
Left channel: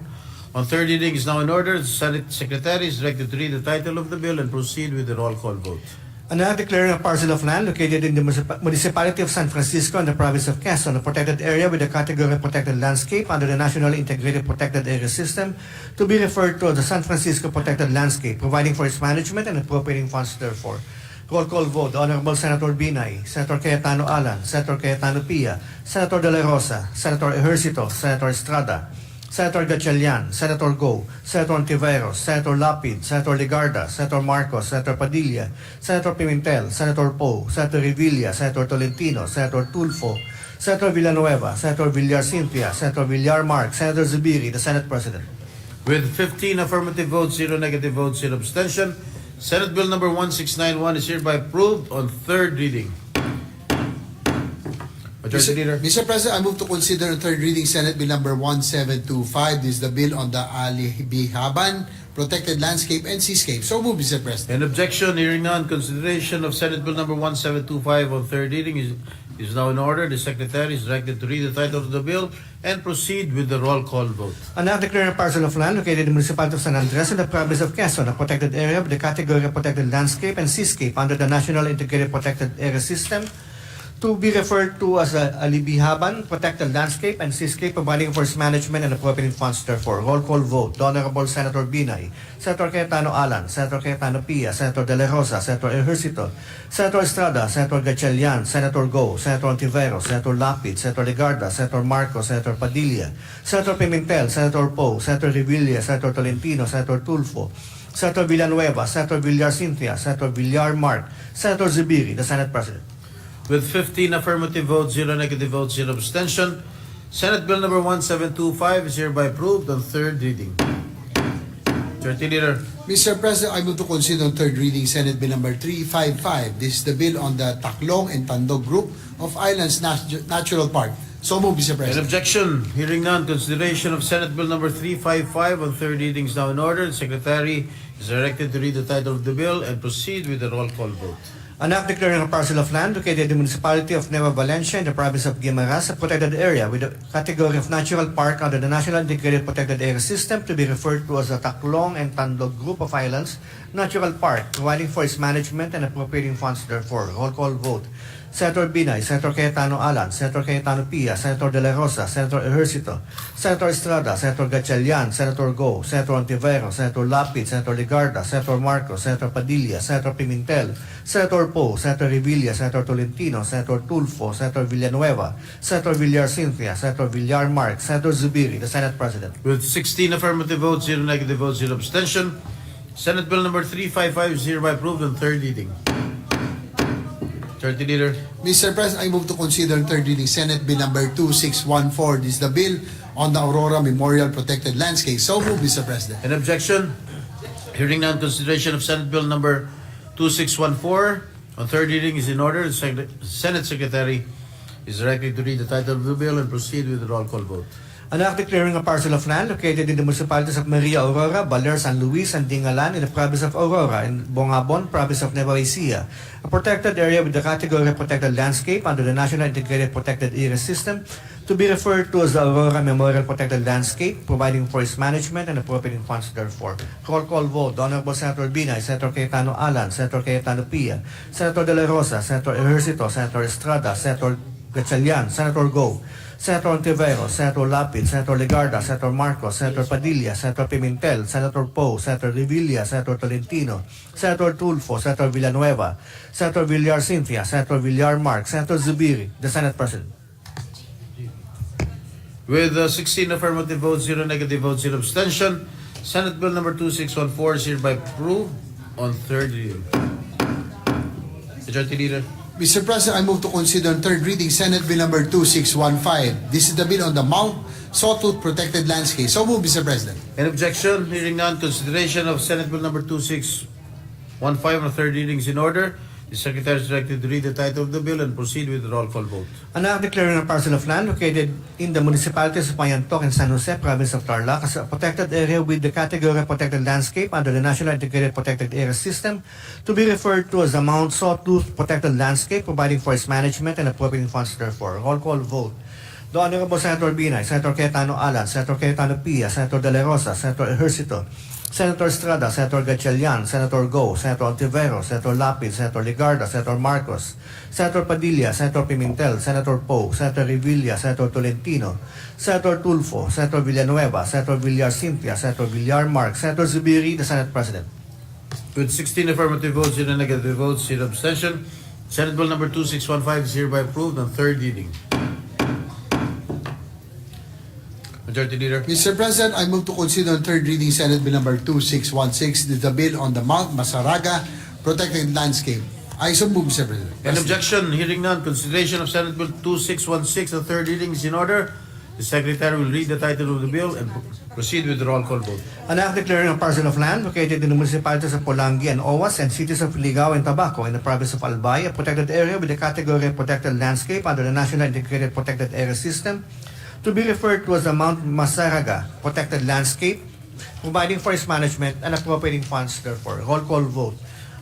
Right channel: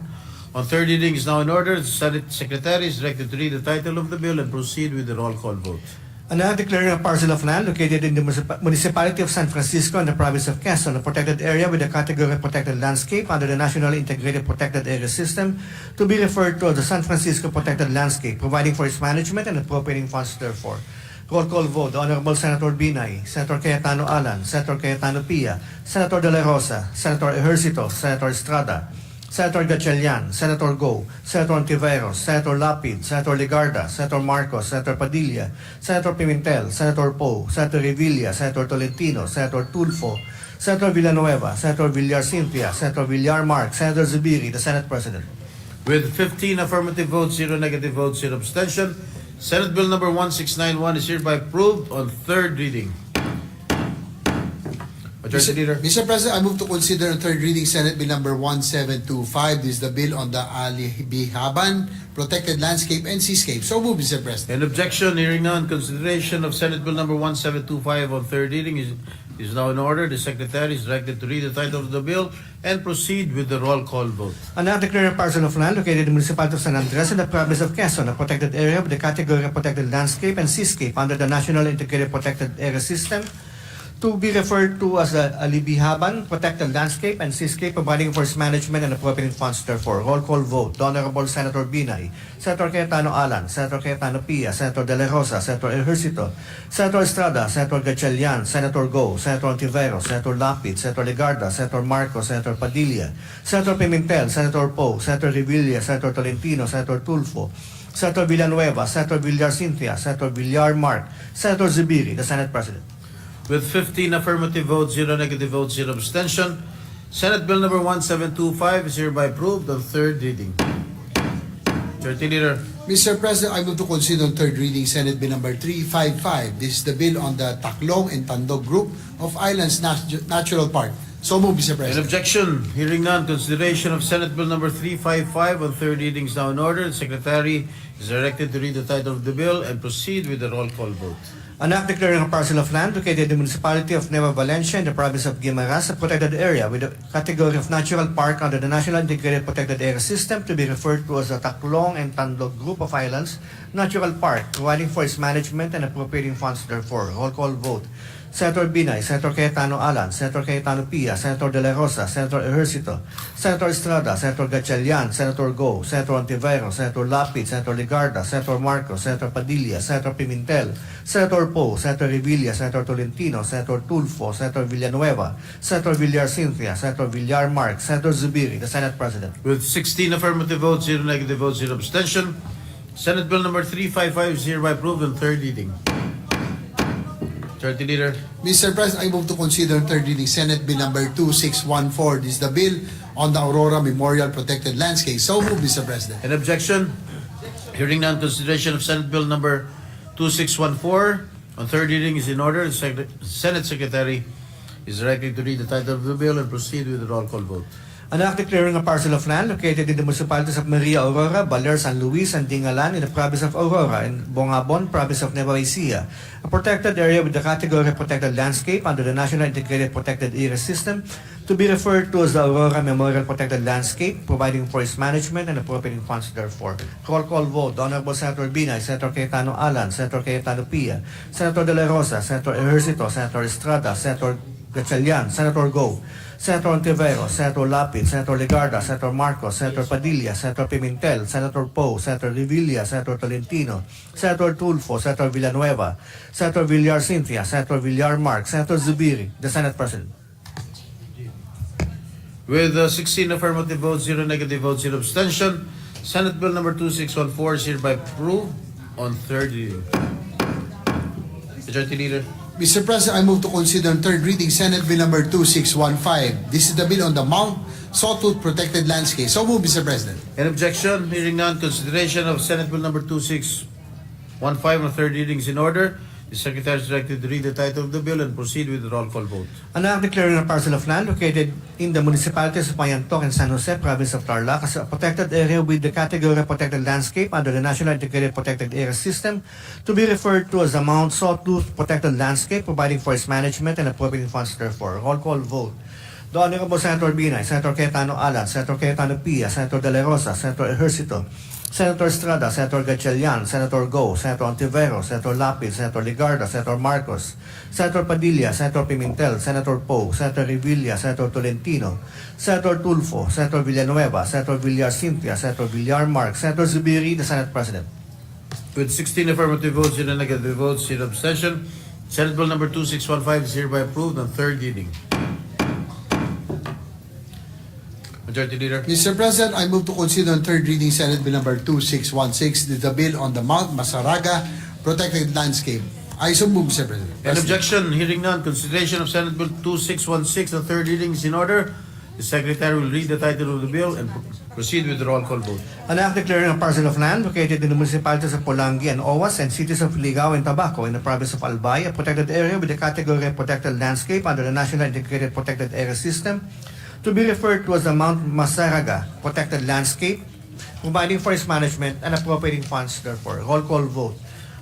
on third reading is now in order. The Senate Secretary is directed to read the title of the bill and proceed with the roll call vote. An act declaring a parcel of land located in the municipality of San Francisco in the province of Quezon, a protected area with a category of protected landscape under the National Integrated Protected Area System, to be referred to as the San Francisco Protected Landscape, providing for its management and appropriating funds therefore. Roll call vote. The Honorable Senator Binay, Senator Cayetano Alan, Senator Cayetano Pia, Senator De La Rosa, Senator Ejercito, Senator Estrada, Senator Gatchalian, Senator Go, Senator Ontiveros, Senator Lapid, Senator Ligarda, Senator Marcos, Senator Padilla, Senator Pimentel, Senator Poe, Senator Revilla, Senator Tolentino, Senator Tulfo, Senator Villanueva, Senator Villar Cynthia, Senator Villar Mark, Senator Zubiri, the Senate President. With 15 affirmative votes, 0 negative votes, 0 abstention, Senate Bill number 1691 is hereby approved on third reading. Majority Leader. Mr. President, I move to consider third reading Senate Bill number 1725. This is the bill on the Alibihaban Protected Landscape and Seascape. So move, Mr. President. An objection, hearing none. Consideration of Senate Bill number 1725 on third reading is now in order. The Secretary is directed to read the title of the bill and proceed with the roll call vote. An act declaring a parcel of land located in the municipality of San Andres in the province of Quezon, a protected area with the category of protected landscape and seascape under the National Integrated Protected Area System, to be referred to as the Alibihaban Protected Landscape and Seascape, providing for its management and appropriating funds therefore. Roll call vote. The Honorable Senator Binay, Senator Cayetano Alan, Senator Cayetano Pia, Senator De La Rosa, Senator Ejercito, Senator Estrada, Senator Gatchalian, Senator Go, Senator Ontiveros, Senator Lapid, Senator Ligarda, Senator Marcos, Senator Padilla, Senator Pimentel, Senator Poe, Senator Revilla, Senator Tolentino, Senator Tulfo, Senator Villanueva, Senator Villar Cynthia, Senator Villar Mark, Senator Zubiri, the Senate President. With 15 affirmative votes, 0 negative votes, 0 abstention, Senate Bill number 1725 is hereby approved on third reading. Majority Leader. Mr. President, I move to consider on third reading Senate Bill number 355. This is the bill on the Taklong and Tandog Group of Islands Natural Park, So moved, Mr. An President. objection? Hearing none, consideration of Senate Bill number 355 on third reading is now in order. The Secretary is directed to read the title of the bill and proceed with the roll call vote. An act declaring a parcel of land located in the municipality of Nueva Valencia in the province of Guimaras, a protected area with a category of natural park under the National Integrated Protected Area System to be referred to as the Tacloban and Tandog Group of Islands Natural Park, providing for its management and appropriating funds therefore. Roll call vote. Senator Binay, Senator Cayetano Alan, Senator Cayetano Pia, Senator De La Rosa, Senator Ejercito, Senator Estrada, Senator Gatchalian, Senator Go, Senator Ontiveros, Senator Lapid, Senator Legarda, Senator Marcos, Senator Padilla, Senator Pimentel, Senator Poe, Senator Revilla, Senator Tolentino, Senator Tulfo, Senator Villanueva, Senator Villar Cynthia, Senator Villar Mark, Senator Zubiri, the Senate President. With 16 affirmative votes, 0 negative votes, 0 abstention, Senate Bill number 355 is hereby approved on third reading. Majority Leader. Mr. President, I move to consider on third reading Senate Bill number 2614. This is the bill on the Aurora Memorial Protected Landscape. So moved, Mr. President. An objection? Hearing none, consideration of Senate Bill number 2614 on third reading is in order. The Senate Secretary is directed to read the title of the bill and proceed with the roll call vote. An act declaring a parcel of land located in the municipalities of Maria Aurora, Baler, San Luis, and Dingalan in the province of Aurora and Bongabon, province of Nueva Ecija, a protected area with the category of protected landscape under the National Integrated Protected Area System to be referred to as the Aurora Memorial Protected Landscape, providing for its management and appropriating funds therefore. Roll call vote. The Honorable Senator Binay, Senator Cayetano Alan, Senator Cayetano Pia, Senator De La Rosa, Senator Ejercito, Senator Estrada, Senator Gatchalian, Senator Go, Senator Ontiveros, Senator Lapid, Senator Legarda, Senator Marcos, Senator Padilla, Senator Pimentel, Senator Poe, Senator Revilla, Senator Tolentino, Senator Tulfo, Senator Villanueva, Senator Villar Cynthia, Senator Villar Mark, Senator Zubiri, the Senate President. With 16 affirmative votes, 0 negative votes, 0 abstention, Senate Bill number 2614 is hereby approved on third reading. Majority Leader. Mr. President, I move to consider on third reading Senate Bill number 2615. This is the bill on the Mount Sawtooth Protected Landscape. So moved, Mr. President. An objection? Hearing none, consideration of Senate Bill number 2615 on third reading is in order. The Secretary is directed to read the title of the bill and proceed with the roll call vote. An act declaring a parcel of land located in the municipalities of Mayantok and San Jose, province of Tarlac, as a protected area with the category of protected landscape under the National Integrated Protected Area System to be referred to as the Mount Sawtooth Protected Landscape, providing for its management and appropriating funds therefore. Roll call vote. The Honorable Senator Binay, Senator Cayetano Alan, Senator Cayetano Pia, Senator De La Rosa, Senator Ejercito, Senator Estrada, Senator Gatchalian, Senator Go, Senator Ontiveros, Senator Lapid, Senator Legarda, Senator Marcos, Senator Padilla, Senator Pimentel, Senator Poe, Senator Revilla, Senator Tolentino, Senator Tulfo, Senator Villanueva, Senator Villar Cynthia, Senator Villar Mark, Senator Zubiri, the Senate President. With 16 affirmative votes, 0 negative votes, 0 abstention, Senate Bill number 2615 is hereby approved on third reading. Majority Leader. Mr. President, I move to consider on third reading Senate Bill number 2616. This is the bill on the Mount Masaraga Protected Landscape. I so move, Mr. President. An objection? Hearing none, consideration of Senate Bill 2616 on third reading is in order. The Secretary will read the title of the bill and proceed with the roll call vote. An act declaring a parcel of land located in the municipalities of Polangi and Owas and cities of Ligao and Tabaco in the province of Albay, a protected area with the category of protected landscape under the National Integrated Protected Area System to be referred to as the Mount Masaraga Protected Landscape, providing for its management and appropriating funds therefore. Roll call vote.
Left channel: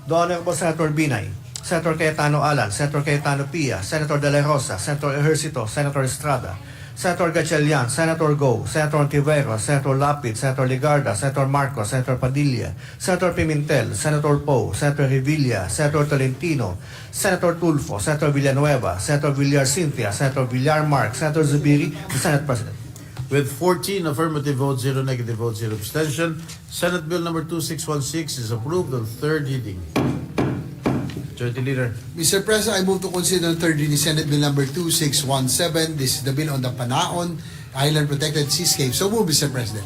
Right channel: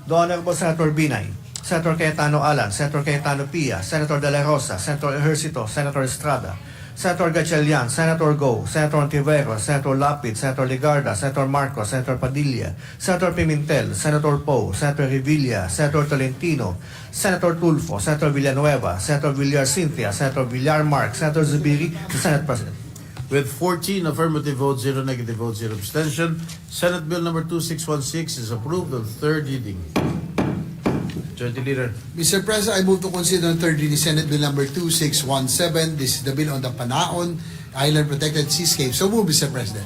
The Honorable Senator Binay, Senator Cayetano Alan, Senator Cayetano Pia, Senator De La Rosa, Senator Ejercito, Senator Estrada, Senator Gatchalian, Senator Go, Senator Ontiveros, Senator Lapid, Senator Legarda, Senator Marcos, Senator Padilla, Senator Pimentel, Senator Poe, Senator Revilla, Senator Tolentino, Senator Tulfo, Senator Villanueva, Senator Villar Cynthia, Senator Villar Mark, Senator Zubiri, the Senate President. With 14 affirmative votes, 0 negative votes, 0 abstention, Senate Bill number 2616 is approved on third reading. Majority Leader. Mr. President, I move to consider on third reading Senate Bill number 2617. This is the bill on the Panaon Island Protected Seascape. So move, Mr. President.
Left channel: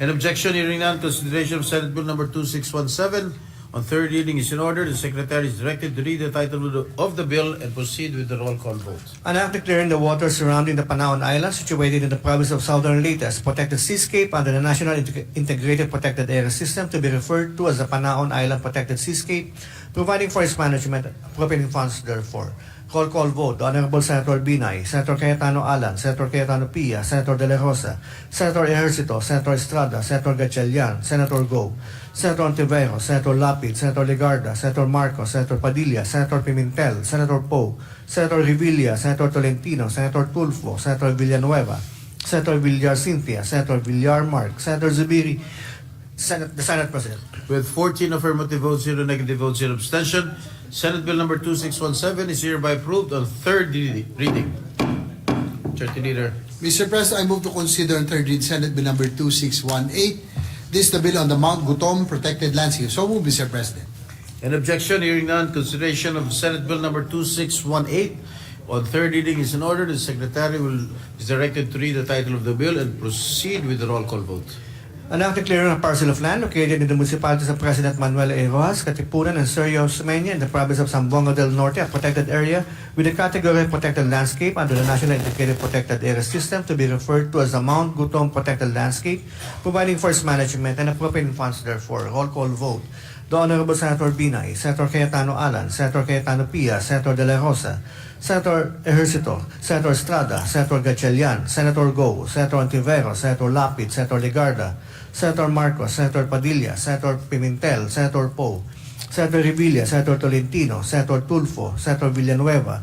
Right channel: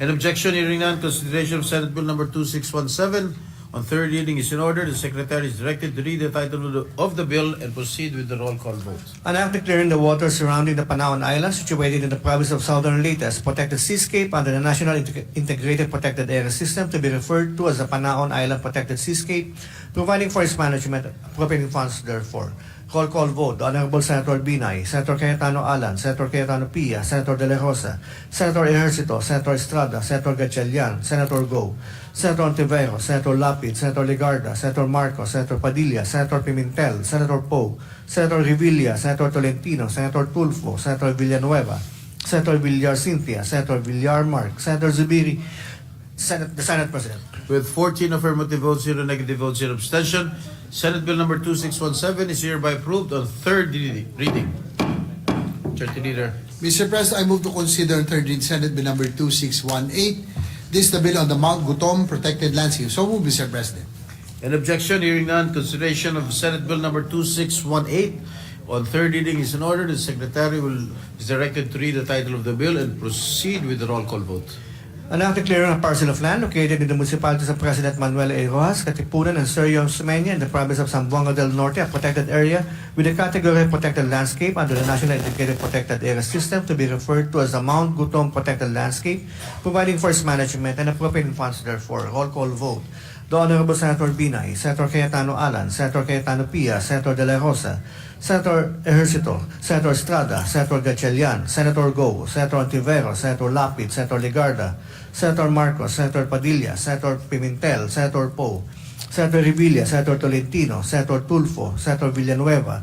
An objection? Hearing none, consideration of Senate Bill number 2617 on third reading is in order. The Secretary is directed to read the title of the bill and proceed with the roll call vote. An act declaring the waters surrounding the Panaon Island, situated in the province of Southern Leyte, as protected seascape under the National Integrated Protected Area System to be referred to as the Panaon Island Protected Seascape, providing for its management, appropriating funds therefore. Roll call vote. The Honorable Senator Binay, Senator Cayetano Alan, Senator Cayetano Pia, Senator De La Rosa, Senator Ejercito, Senator Estrada, Senator Gatchalian, Senator Go, Senator Ontiveros, Senator Lapid, Senator Legarda, Senator Marcos, Senator Padilla, Senator Pimentel, Senator Poe, Senator Revilla, Senator Tolentino, Senator Tulfo, Senator Villanueva, Senator Villar Cynthia, Senator Villar Mark, Senator Zubiri, the Senate President. With 14 affirmative votes, 0 negative votes, 0 abstention, Senate Bill number 2617 is hereby approved on third reading. Majority Leader. Mr. President, I move to consider on third reading Senate Bill number 2618. This is the bill on the Mount Gutom Protected Landscape. So move, Mr. President. An objection, hearing none, consideration of Senate Bill number 2618 on third reading is in order. The Secretary is directed to read the title of the bill and proceed with the roll call vote. An act declaring a parcel of land located in the municipalities of President Manuel A. Rojas, Katipunan, and Sergio Sumenya in the province of Zamboanga del Norte, a protected area with the category of protected landscape under the National Integrated Protected Area System to be referred to as the Mount Gutom Protected Landscape, providing for its management and appropriating funds therefore. Roll call vote. The Honorable Senator Binay, Senator Cayetano Alan, Senator Cayetano Pia, Senator De La Rosa, Senator Ejercito, Senator Estrada, Senator Gatchalian, Senator Go, Senator Ontiveros, Senator Lapid, Senator Legarda, Senator Marcos, Senator Padilla, Senator Pimentel, Senator Poe, Senator Revilla, Senator Tolentino, Senator Tulfo, Senator Villanueva,